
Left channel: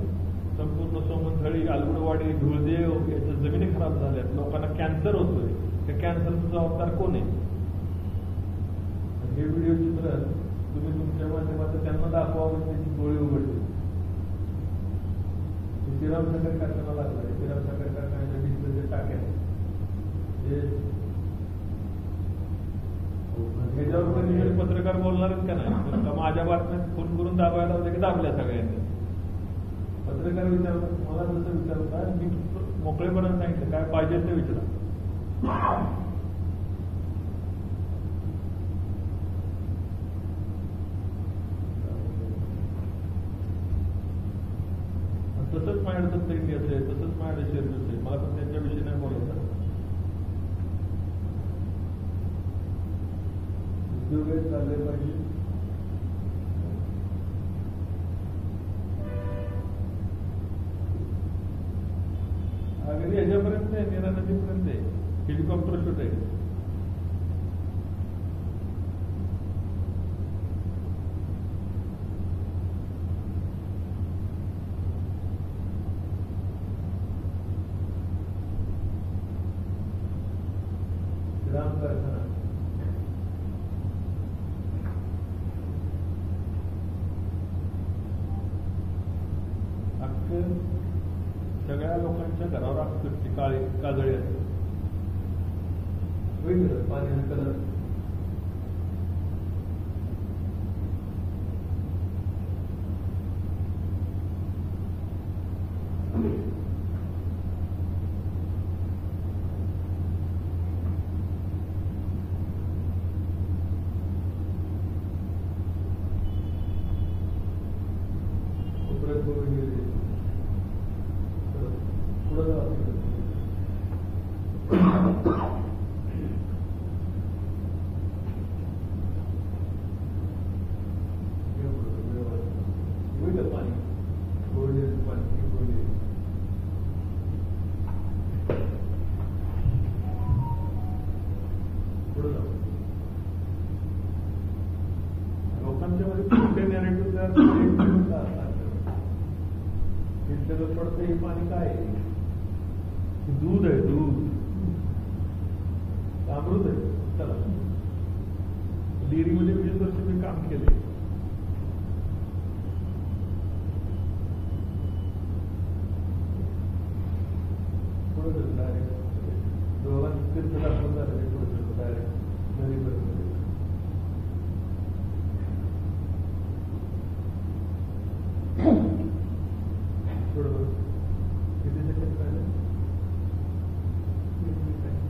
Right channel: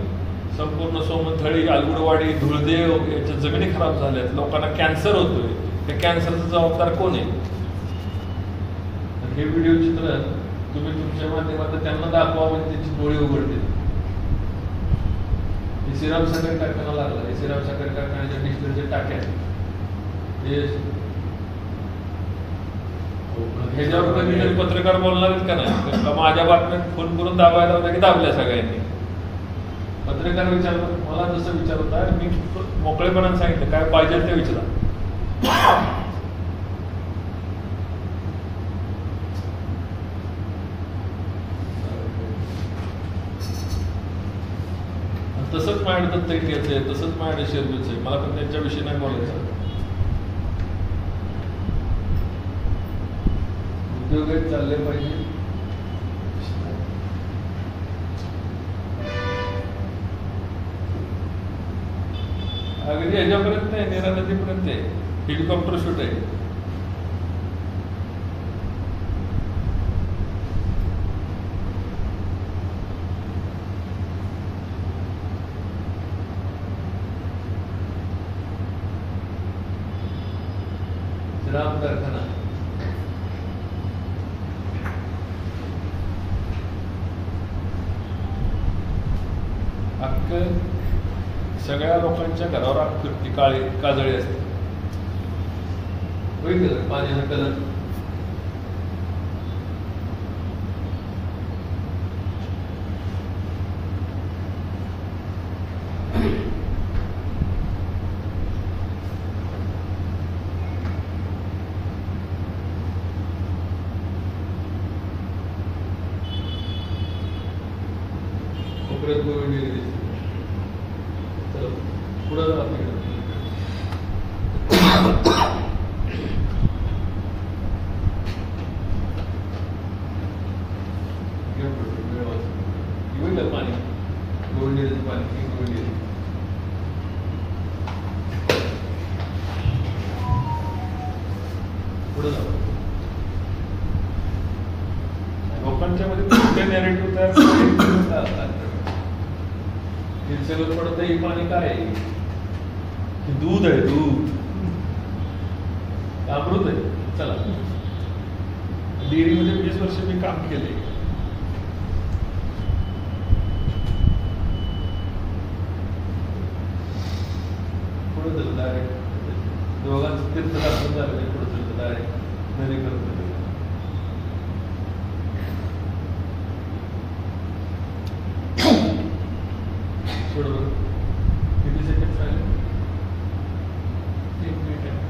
संपूर्ण सोमनथळी, आलगुडवाडी, धुळदेव याच्या जमिनी खराब झाल्यात, लोकांना कॅन्सर होतोय. त्या कॅन्सरचा जबाबदार कोण आहे? हे व्हिडिओ चित्र तुम्ही तुमच्या माध्यमातून त्यांना दाखवा, म्हणजे त्यांची डोळे उघडतील. हे श्रीराम साखर कारखाना लागला, हे श्रीराम साखर कारखान्याच्या डिस्टिलच्या टाक्या ह्याच्यावर कधी पत्रकार बोलणार आहेत का नाही? माझ्या बातम्यात फोन करून दाबायला होता की दाबल्या सगळ्यांनी. पत्रकार विचारतात, मला जसं विचारत आहे मी मोकळेपणाने सांगितलं काय पाहिजे ते विचारा. तसंच माझ्याकडे दत्तगिरीचं आहे, तसंच माझ्याकडे शेरबीचं आहे. मला पण त्यांच्याविषयी नाही बोलायचं. उद्योग चालले पाहिजे. अगदी ह्याच्यापर्यंत आहे, नीरा नदीपर्यंत आहे, हेलिकॉप्टर शूट आहे. श्रीराम कारखाना सगळ्या लोकांच्या घरावर आकृती काजळी असते. होईल पाण्याचा कलर कोपऱ्यात गोविंद चला पुढं जा आपल्याकडे पाणी गोविंद पाणी गोविंद पुढे जा. लोकांच्या मध्ये कुठले नॅरेटिव्ह तयार पडत हे पाणी काय आहे? दूध आहे, दूध अमृत आहे. चला डेअरीमध्ये 20 वर्ष मी काम केले. पुढे चल डायरेक्ट दोघांचं तीर्थदर्शन झालं नाही. पुढे चल डायरेक्ट नदी करतो. किती सेकंड झाले? 1 मिनिट आहे.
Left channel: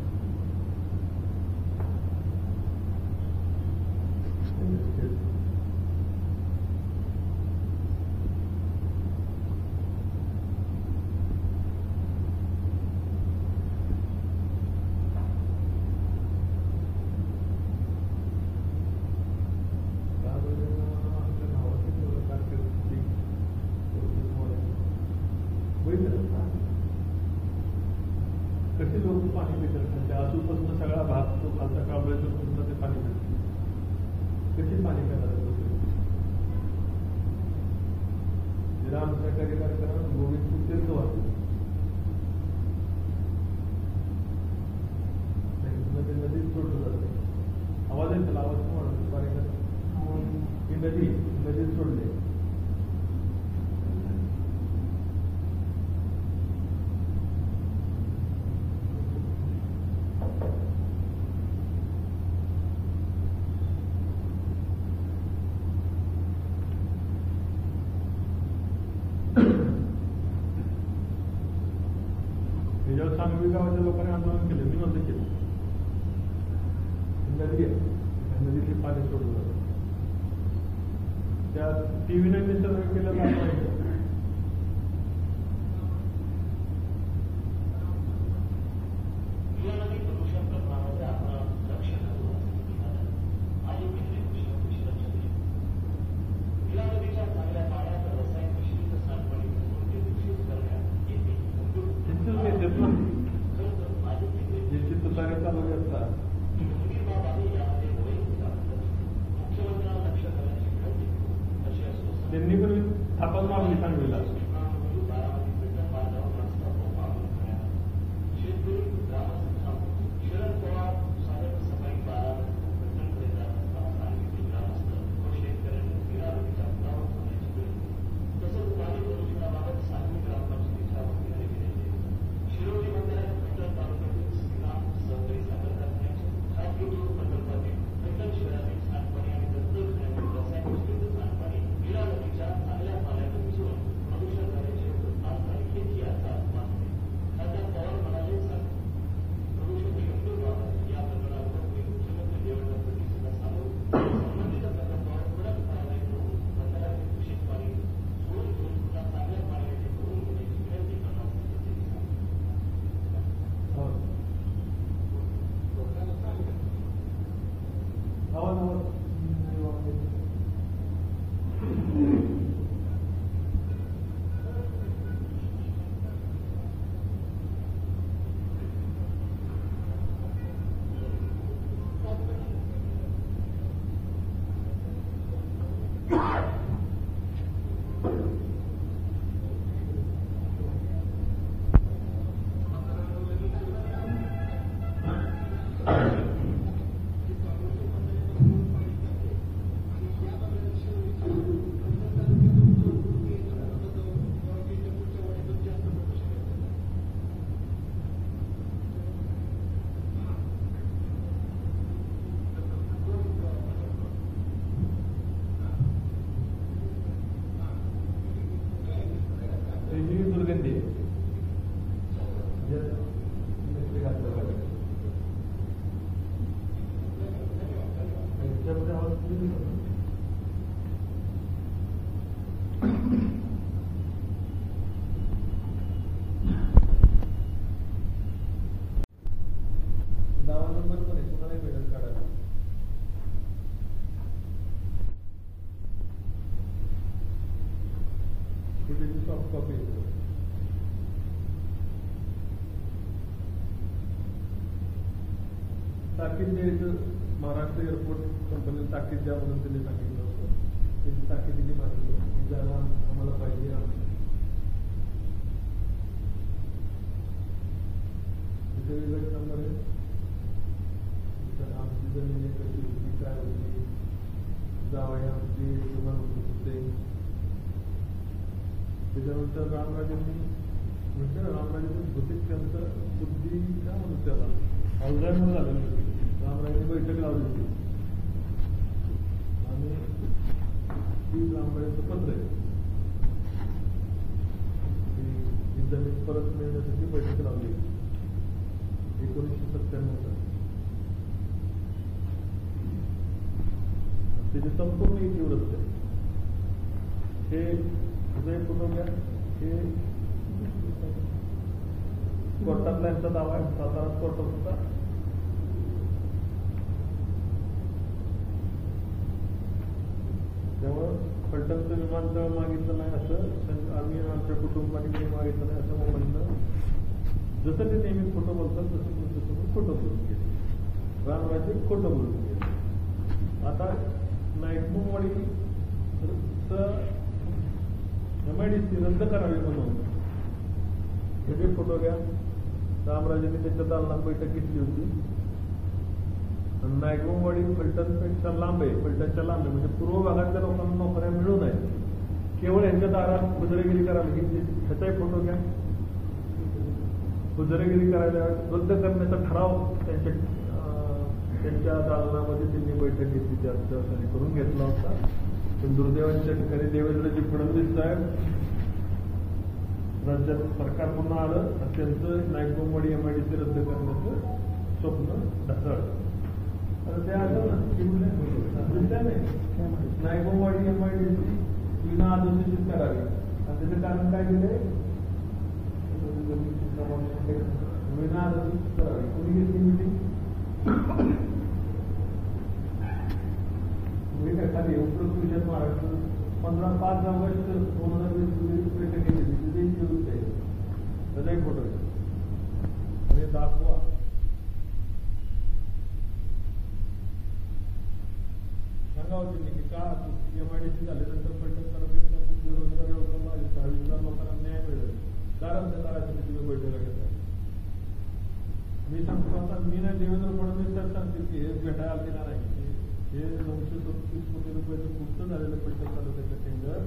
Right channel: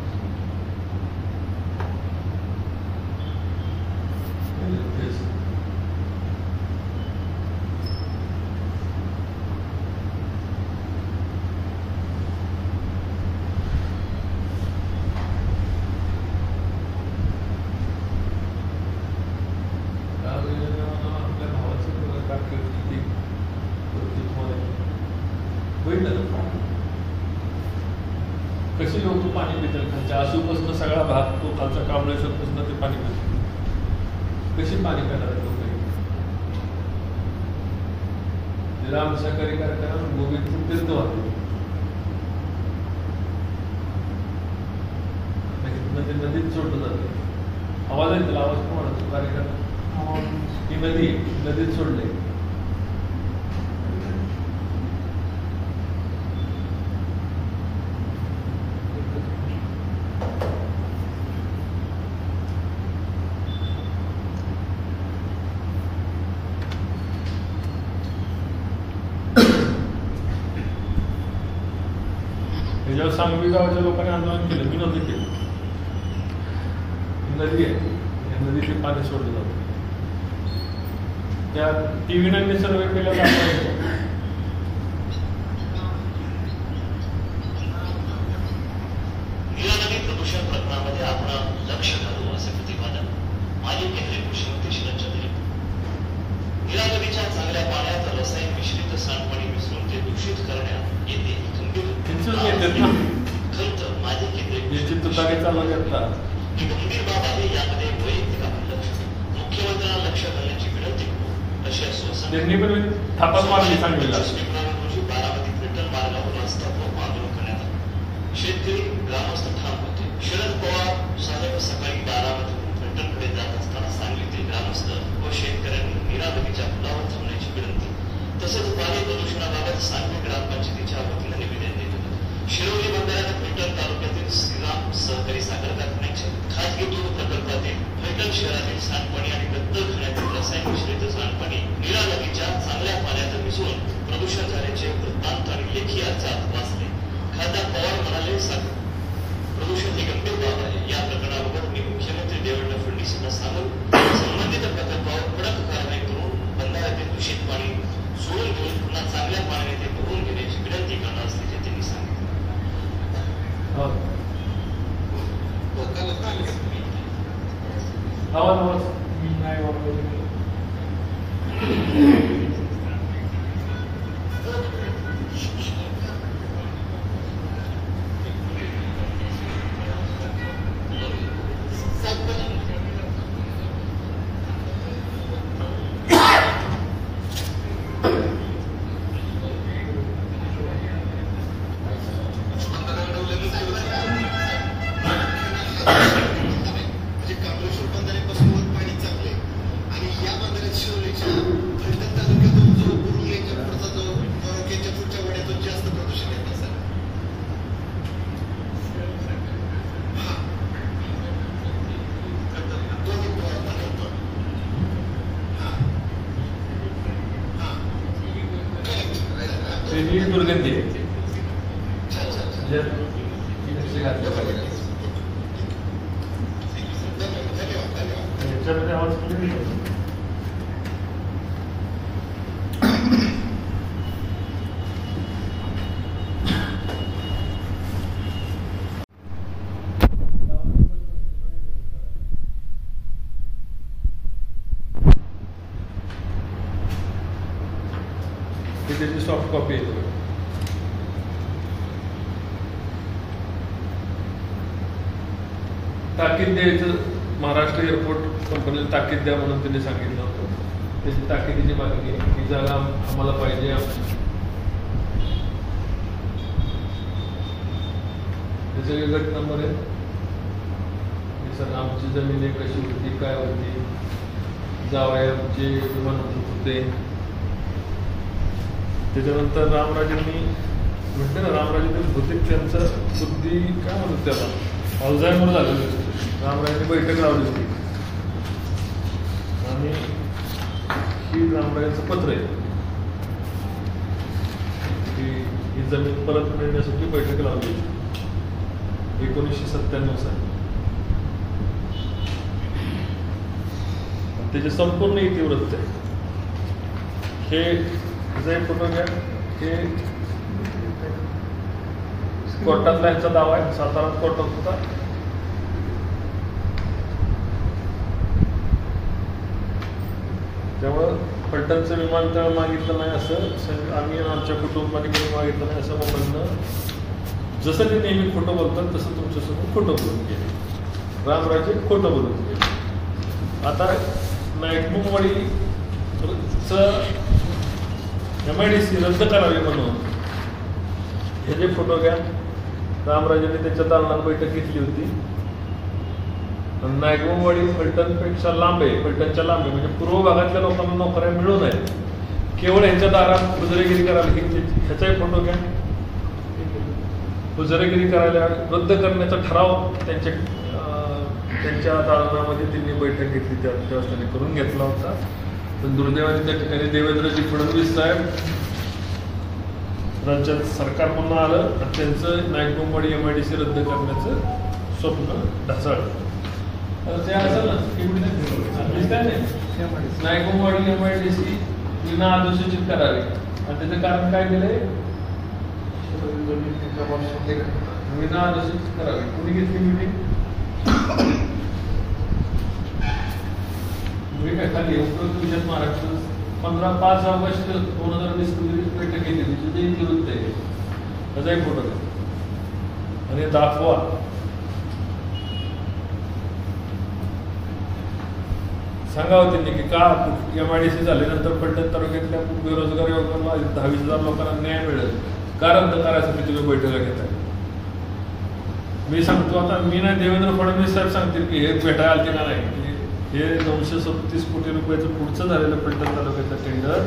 कशी लोक पाणी पितात खालच्या आसूपासून सगळा भाग तो खालचा कांबळेश्वरपासून ते पाणी पितात. कशी पाणी पिणार लोक? राम सहकारी कार्यक्रम गोविंद तीर्थ वाहतो ते नदीत सोडलं जाते. आवाज आहे त्याला, आवाज पण वाढतो कार्यक्रम. ती नदी नदीत सोडले. त्याच्यावर सांगवी गावाच्या लोकांनी आंदोलन केलं. मी नव्हतं केलं. नदी आहे, या नदीचे पाणी सोडलं जातं. त्या टीव्हीने सर्वे केलं जातं. प्रदूषण प्रकरणामध्ये आपण लक्ष घालू असे प्रतिपादन माजी केंद्रीय कृषी मंत्री शरद चंद्र. नीरा नदीच्या चांगल्या पाण्यात रसायन मिश्रित सांडपाणी मिसळून ते दूषित करण्यात येते गंभीर माजी केंद्रीय गंभीर बाब आहे. यामध्ये वैयक्तिक आपण लक्ष मुख्यमंत्र्यांना लक्ष घालण्याची विनंती करू अशी आश्वासन फेब्रुवारी रोजी बारामती पेट्रोल मार्गावर रस्ता रोको आंदोलन करण्यात आलं. शेतकरी ग्रामस्थ ठाम होते. शरद पवार साहेब सकाळी बारामतीतून पेट्रोलकडे जात असताना सांगलीतील ग्रामस्थ व शेतकऱ्यांनी नीरा नदीच्या पुलावर थांबण्याची विनंती तसंच पाणी प्रदूषणाबाबत सांगली ग्रामपंचायतीच्या वतीनं निवेदन देत होतं. शिरोली बंधाऱ्यात पैठण तालुक्यातील श्रीराम सहकारी साखर कारखान्याच्या खाजगी दूध प्रकल्पातील पैठण शहरातील सांडपाणी आणि गद्दल खाण्यातील रसायन मिश्रित सांडपाणी नीरा नदीच्या चांगल्या पाण्यात मिसळून प्रदूषण झाल्याचे वृत्तांत आणि लेखी अर्जात वाचले. खासदार पवार म्हणाले, प्रदूषण ही गंभीर बाब आहे. या प्रकरणाबाबत मी मुख्यमंत्री देवेंद्र फडणवीस यांना सांगून संबंधित प्रकल्पावर कडक कारवाई करून बंधाऱ्यातील दूषित पाणी सोडून घेऊन पुन्हा चांगल्या पाण्याने ते भरून घेण्याची विनंती करणार असल्याचे त्यांनी सांगितले. म्हणजे कांबळेश्वर बंधाऱ्यापासून पाणी चांगले आणि या बंधाऱ्यात शिरोलीच्या याच्यामध्ये आवाज clear आहे. ही त्याची सॉफ्ट कॉपी आहे. ताकीद द्यायचं, महाराष्ट्र एअरपोर्ट कंपनीला ताकीद द्या म्हणून त्यांनी सांगितलं होतं. त्याची ताकीदीची मागणी आहे, ही जागा आम्हाला पाहिजे. हे सगळे गट नंबर आहेत. हे सगळं आमची जमीन कशी होती, काय होती, जावयाचे विमान होते. त्याच्यानंतर रामराजेंनी म्हटलं ना, रामराजेंनी बहुतेक त्यांचा बुद्धी काय म्हणतात त्याला, अल्झायमर झालेलं असतं. रामराजेंनी बैठक लावली होती आणि ही रामराजेंचं पत्र आहे की ही जमीन परत मिळण्यासाठी बैठक लावली 1997 साली. त्याचे संपूर्ण इतिवृत्त आहे. हे जे फोटो घ्या, हे कोर्टातला यांचा दावा आहे. सातारा कोर्टात होता. त्यामुळं फलटणचं विमानतळ मागितलं नाही असं आम्ही आमच्या कुटुंबाने कधी मागितलं नाही असं म्हणणं, जसं ते नेहमी खोटं बोलतात तसं तुमच्यासमोर खोटं बोलून गेले. रामराजे खोटं बोलून गेले. आता नाईकमुंगवाडीचं MIDC रद्द करावी म्हणून हे जे फोटो घ्या, रामराजेने त्याच्या दालनात बैठक घेतली होती. नायकमुंगवाडी फलटणपेक्षा लांब आहे, फलटणच्या लांब आहे, म्हणजे पूर्व भागातल्या लोकांना नोकऱ्या मिळू नयेत. केवळ यांच्या दारात हुजरेगिरी करायला, ह्याचाही फोटो घ्या. हुजरेगिरी करायला रद्द करण्याचा ठराव त्यांच्या दालनामध्ये त्यांनी बैठक घेतली, त्यावेळेस त्यांनी करून घेतला होता. पण दुर्दैवाने त्या ठिकाणी देवेंद्रजी फडणवीस साहेब राज्यात सरकार पुन्हा आलं आणि त्यांचं नाईकमुंगवाडी MIDC रद्द करण्याचं स्वप्न ढासळलं. ते असेल ना, काय नाही, नाईकमुंगवाडी MIDC विना अधिसूचित करावी. आणि त्याचं कारण काय दिलंय, विना अधिसूचित करावी. कुणी घेतली मीटिंग? काय खाली उपरोक्त विषयात महाराष्ट्र 5 ऑगस्ट 2020 रोजी बैठक घेतली. तिथे इतिवृत्त आहे, त्याचाही फोटो आहे आणि दाखवा. सांगावं त्यांनी की का MIDC झाल्यानंतर फलटण तालुक्यातल्या बेरोजगार युवकांना 10,000 लोकांना न्याय मिळेल, का रद्द करायसाठी तुम्ही बैठका घेताय? मी सांगतो आता, मी नाही, देवेंद्र फडणवीस साहेब सांगतील की हे भेटायला आलते का नाही. हे 937 कोटी रुपयाचं पुढचं झालेलं फलटण तालुक्याचं टेंडर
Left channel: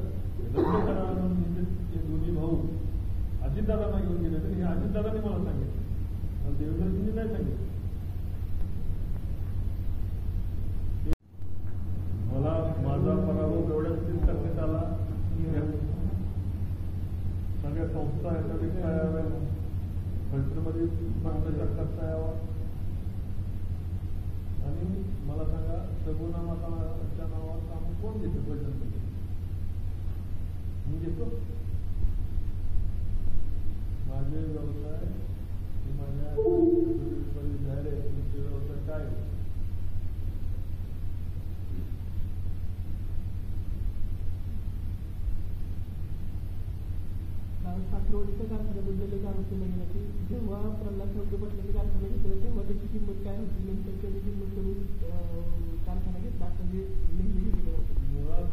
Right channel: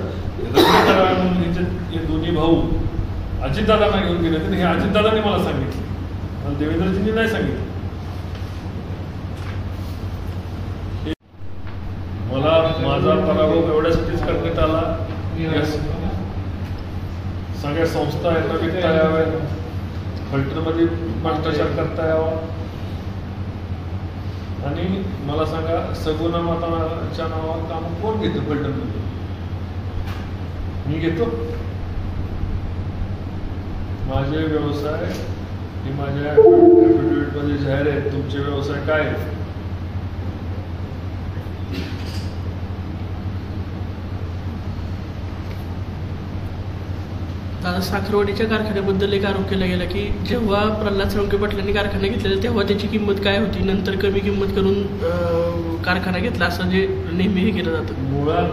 रद्द करावं म्हणून हे दोन्ही भाऊ अजितदादांना घेऊन गेले होते. हे अजितदादांनी मला सांगितलं, मला देवेंद्रजींनी नाही सांगितलं. मला माझा पराभव एवढ्यासाठीच करण्यात आला, सगळ्या संस्था यांना विकता याव्या, फलटणमध्ये भ्रष्टाचार करता यावा. आणि मला सांगा, सगुणा माताच्या नावावर काम कोण घेतो फलटणमध्ये? मी घेतो. माझे व्यवसाय हे माझ्या ॲफिडेव्हिटमध्ये जाहीर आहेत. तुमचे व्यवसाय काय आहेत? साखरवाडीच्या कारखान्याबद्दल एक आरोप केला गेला की जेव्हा प्रल्हाद साळुंखे पाटलांनी कारखाना घेतलेला तेव्हा त्याची किंमत काय होती, नंतर कमी किंमत करून कारखाना घेतला, असं जे नेहमी हे केलं जातं. मुळात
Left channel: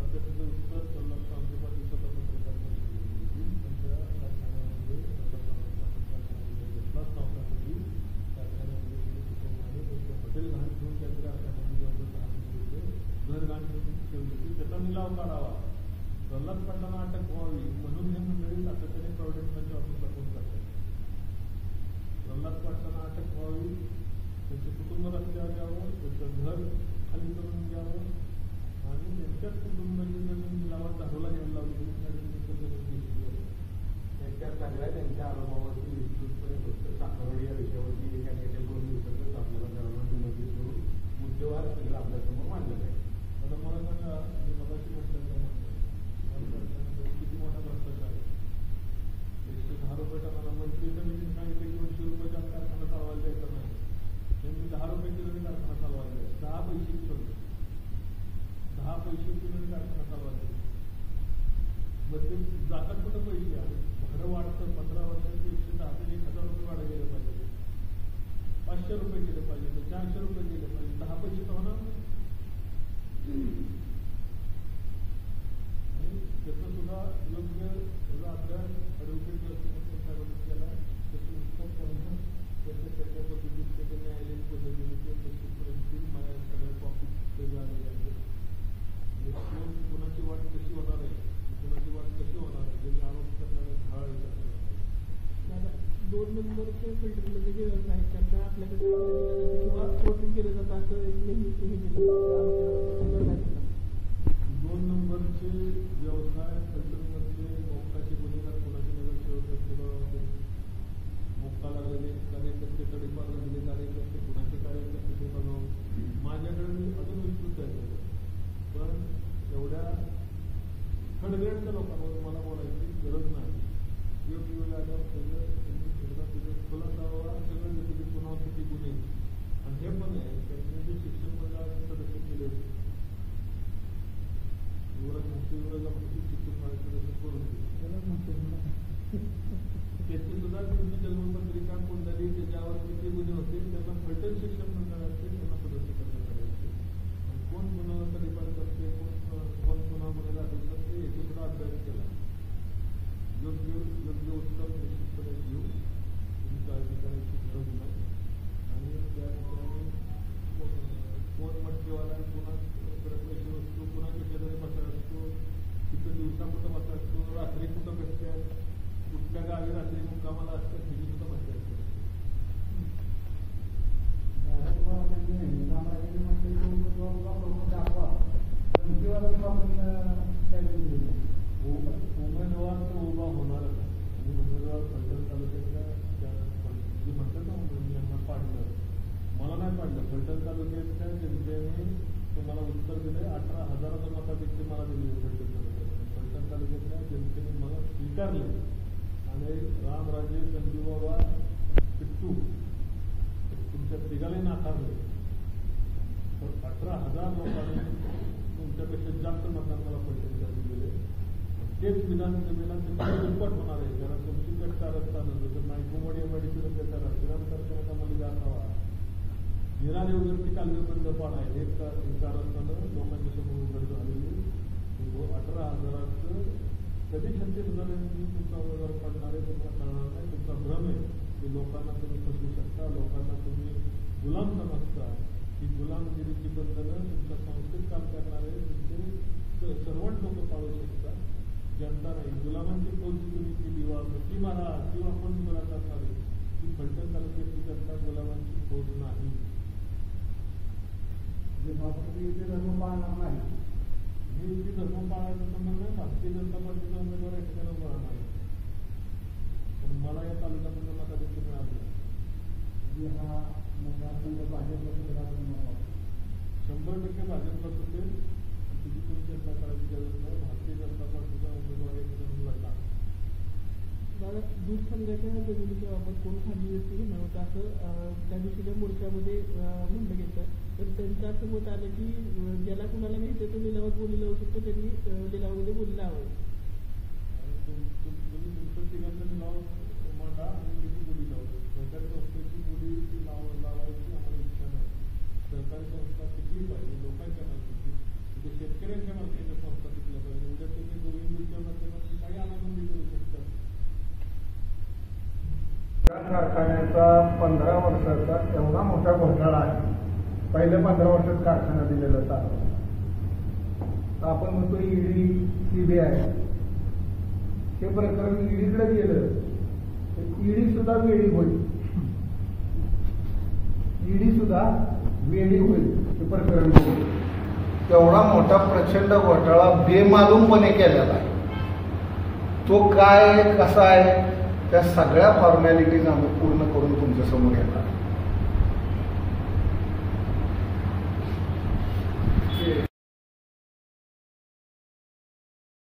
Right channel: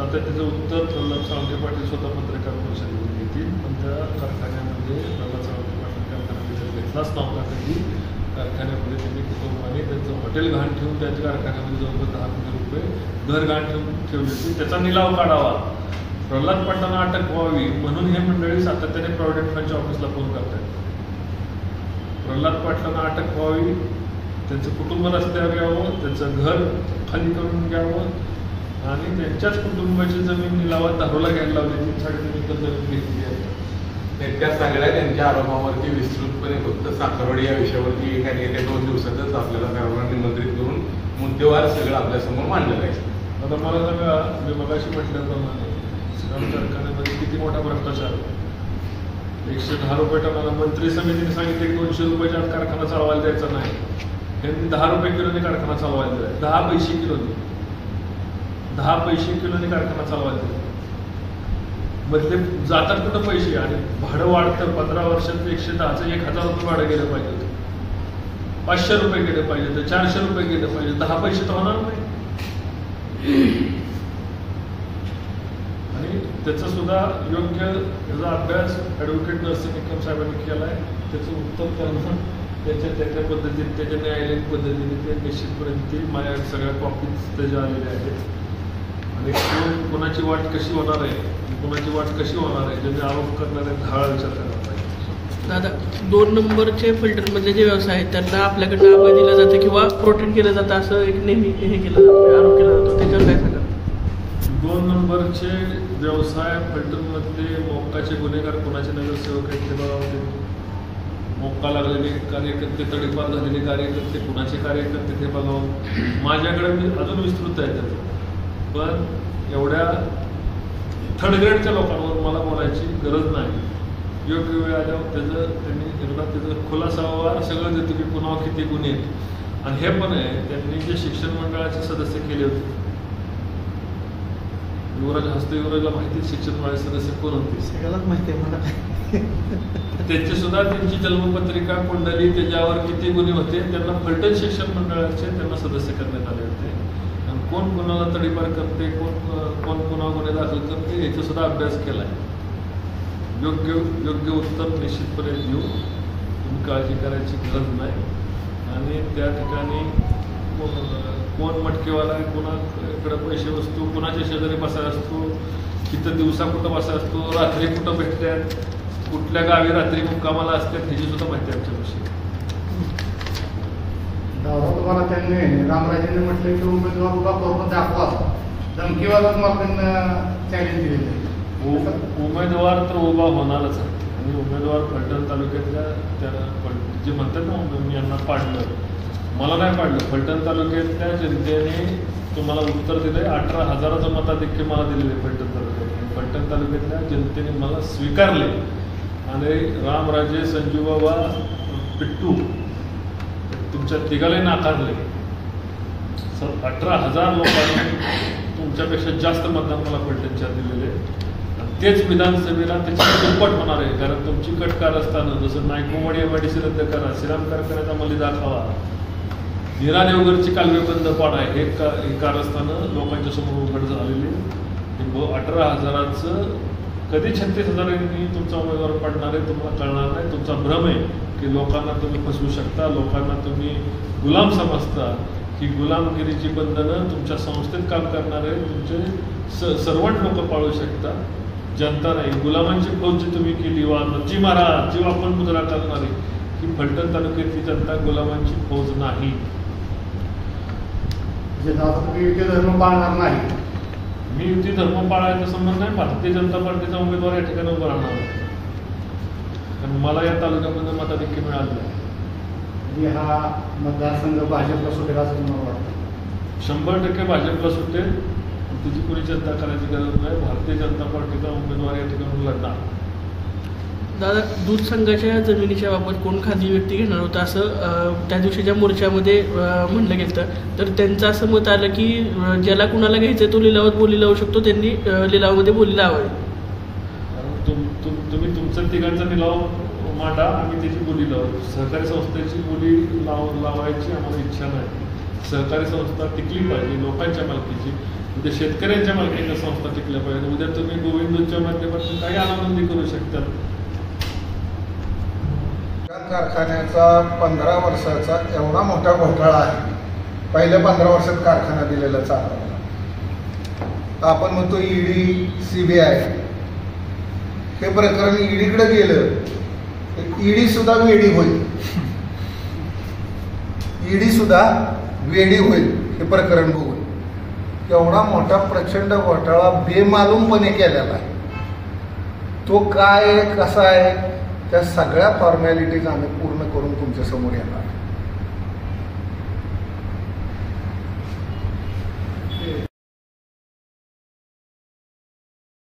आता त्याचं उत्तर प्रल्हाद साळुंखे पाटील स्वतः पत्रकार परिषदेमध्ये घेतील. पण त्या कारखान्यामध्ये प्रल्हाद साळुंखे पाटील कारखाना घेतलाच नव्हता कधी. कारखान्यामध्ये त्यांनी कुटुंबाने त्यांचं हॉटेल घाण ठेवून त्यांच्या कारखान्यामध्ये जवळपास 10 कोटी रुपये घर घाण ठेवून ठेवली होती. त्याचा निलाव काढावा, प्रल्हाद पाटलांना अटक व्हावी म्हणून हे मंडळी सातत्याने प्रॉव्हिडंट फंडच्या ऑफिसला फोन करतात. प्रल्हाद पाटलांना अटक व्हावी, त्यांचं कुटुंब रस्त्यावर यावं, त्यांचं घर खाली करून घ्यावं आणि त्यांच्याच कुटुंबाची जमीन निलावात दारोला घ्यायला लावली. 3.5 एकर जमीन घेतली आहे. त्या सगळ्या त्यांच्या आरोपावरती विस्तृतपणे फक्त साखरवाडी या विषयावरती येत्या 2 दिवसातच आपल्याला सर्वांना निमंत्रित करून मुद्देवार सगळं आपल्यासमोर मांडलं जायचं. आता मला सांगा, मी मगाशी म्हटल्याप्रमाणे श्रीराम कारखान्यामध्ये किती मोठा भ्रष्टाचार आहे. 110 रुपये टनाला मंत्री समितीने सांगितले की 200 रुपयाच्या आत कारखाना चालवायला द्यायचा नाही. त्यांनी 10 रुपये किलोने कारखाना चालवायला दिला. 10 पैसे किलोने, 10 पैसे किलोने कारखाना चालवायला दिला. मग ते जातात कुठं पैसे, आणि भाडं वाढतं. 15 वर्षात 110चं 1000 रुपये भाडं गेलं पाहिजे, 500 रुपये गेले पाहिजे, 400 रुपये गेले पाहिजे. 10 पैसे तर होणार नाही. आणि त्याचा सुद्धा योग्य त्याचा अभ्यास ॲडव्होकेट नरसिंह निकम साहेबांनी केला आहे. त्याचं उत्तर त्यांना त्याच्या पद्धतीने, त्याच्या न्यायालयीन पद्धतीने ते निश्चितपणे ती माझ्या सगळ्या कॉपीज त्याच्या आलेल्या आहेत. आणि कोणाची वाट कशी होणार आहे, कोणाची वाट कशी होणार आहे, ज्यांनी आरोप करणारे धाळ विचार करायला पाहिजे. दादा, 2 नंबरचे फिल्टरमधले जे व्यवसाय आहेत त्यांना आपल्याकडनं आवाज दिलं जातं किंवा प्रोटेक्ट केलं जातं असं एक नेहमी हे केलं जातं, आरोप केला जातो. त्याच्यावर काय सांगा? 2 नंबरचे व्यवसाय फिल्टरमधले मोक्काचे गुन्हेगार कोणाचे नगरसेवक आहेत ते बघावं. मोक्का लागलेले कार्यकर्ते, तडीपार झालेले कार्यकर्ते, कुणाचे कार्यकर्ते ते बघावं. माझ्याकडे मी अजून विस्तृत आहे त्याचं, पण एवढ्या थर्ड ग्रेडच्या लोकांवर मला बोलायची गरज नाही. योग्य वेळ आल्यावर त्यांनी एकदा त्याचं खुलासावर सगळं देतो की पुन्हा किती गुन्हे आहेत. आणि हे पण आहे, त्यांनी जे शिक्षण मंडळाचे सदस्य केले होते, युवराज हस्त युवराजला माहिती शिक्षण मंडळाचे सदस्य कोण होते, सगळ्यालाच माहिती आहे मला. त्यांची सुद्धा त्यांची जन्मपत्रिका, कुंडली, त्याच्यावर किती गुन्हे होते, त्यांना फलटण शिक्षण मंडळाचे त्यांना सदस्य करण्यात आले होते. आणि कोण कोणाला तडीपार करते, कोण कोणा गुन्हे दाखल करते, याचा सुद्धा अभ्यास केला आहे. योग्य उत्तर निश्चितपणे देऊ, तुम्ही काळजी करायची गरज नाही. आणि त्या ठिकाणी कोण मटकेवाला, कोणाकडे पैसे वस्तू, कोणाच्या शेजारी बसायला असतो, तिथं दिवसा कुठं बसायला असतो, रात्री कुठं भेटतात, कुठल्या गावी रात्री मुक्कामाला असतात, ह्याची सुद्धा माहिती आमच्यापाशी. दादा, तुम्हाला त्यांनी रामराजेंनी म्हटलं की उमेदवार उभा करून दाखवा, धमकीवाला तुम्हाला चॅलेंज दिलेलं. उमेदवार तर उभा होणारच आहे. आणि उमेदवार फलटण तालुक्यातल्या त्या जे म्हणतात ना, मी यांना पाडलं, मला नाही पाडलं, फलटण तालुक्यातल्या जनतेने तुम्हाला उत्तर दिलंय. 18,000चं मताधिक्य मला दिलेलं आहे फलटण तालुक्यात. फलटण तालुक्यातल्या जनतेने मला स्वीकारले. आणि रामराजे, संजूबाबा, पिट्टू तुमच्या तिघालाही नाकारले. 18,000 लोकांनी तुमच्यापेक्षा जास्त मतदान मला फलटणच्या दिलेले. तेच विधानसभेला त्याची दुप्पट होणार आहे. कारण तुमची कट कारस्थानं, जसं नायकोवाडी MIDC रद्द करा, श्रीराम कारखान्याचा मलिदा खावा, नीरा देवघरची कालवे बंद पाडा, हे कारस्थानं लोकांच्या समोर उघड झालेली. 18,000चं कधी 36,000 तुमचा उमेदवार पडणार आहे तुम्हाला कळणार नाही. तुमचा भ्रम आहे की लोकांना तुम्ही फसवू शकता, लोकांना तुम्ही गुलाम समजता. ही गुलामगिरीची बंधनं तुमच्या संस्थेत काम करणारे तुमचे सर्वंट लोक पाळू शकता, जनता नाही. गुलामांची फौज जी तुम्ही केली, जी महाराज जी आपण मुजरा करणारी, ही फलटण तालुक्यातली जनता गुलामांची फौज नाही. तुम्ही युती धर्म पाळणार नाही. मी युती धर्म पाळायचा संबंध नाही. भारतीय जनता पार्टीचा उमेदवार या ठिकाणी उभा राहणार आहे. कारण मला या तालुक्यामध्ये मताधिक्य मिळालं आहे. हा मतदारसंघ भाजपला सुटेल असं तुम्हाला वाटतं? 100% भाजपला सुटेल. तिची कोणी चिंता करायची गरज नाही. भारतीय जनता पार्टीचा उमेदवार या ठिकाणी लढणार. दादा, दूध संघाच्या जमिनीच्या बाबत कोण खाजगी व्यक्ती घेणार होता असं त्या दिवशीच्या मोर्चामध्ये म्हणलं गेलं. तर त्यांचं असं मत आलं की ज्याला कुणाला घ्यायचं तो लिलावात बोली लावू शकतो, त्यांनी लिलावामध्ये बोली लावावी. तुम्ही तुमच्या तिघांचा लिलाव मांडा, आम्ही त्याची बोली लावू. सहकारी संस्थेची बोली लावायची आम्हाला इच्छा नाही. सहकारी संस्था टिकली पाहिजे, लोकांच्या मालकीची. उद्या शेतकऱ्यांच्या मालकीच्या संस्था टिकल्या पाहिजे. उद्या तुम्ही गोविंदच्या माध्यमातून काही आनंदी करू शकता. कारखान्याचा 15 वर्षाचा एवढा मोठा घोटाळा आहे. पहिल्या 15 वर्षात कारखाना दिलेला चालवला. आपण म्हणतो ED, CBI, हे प्रकरण EDकडे गेलं, ED सुद्धा वेडी होईल. ED सुद्धा वेडी होईल हे प्रकरण बघून. एवढा मोठा प्रचंड घोटाळा बेमालूमपणे केलेला आहे. तो काय आहे, कसा आहे, त्या सगळ्या फॉर्मॅलिटीज आम्ही पूर्ण करून तुमच्यासमोर येणार.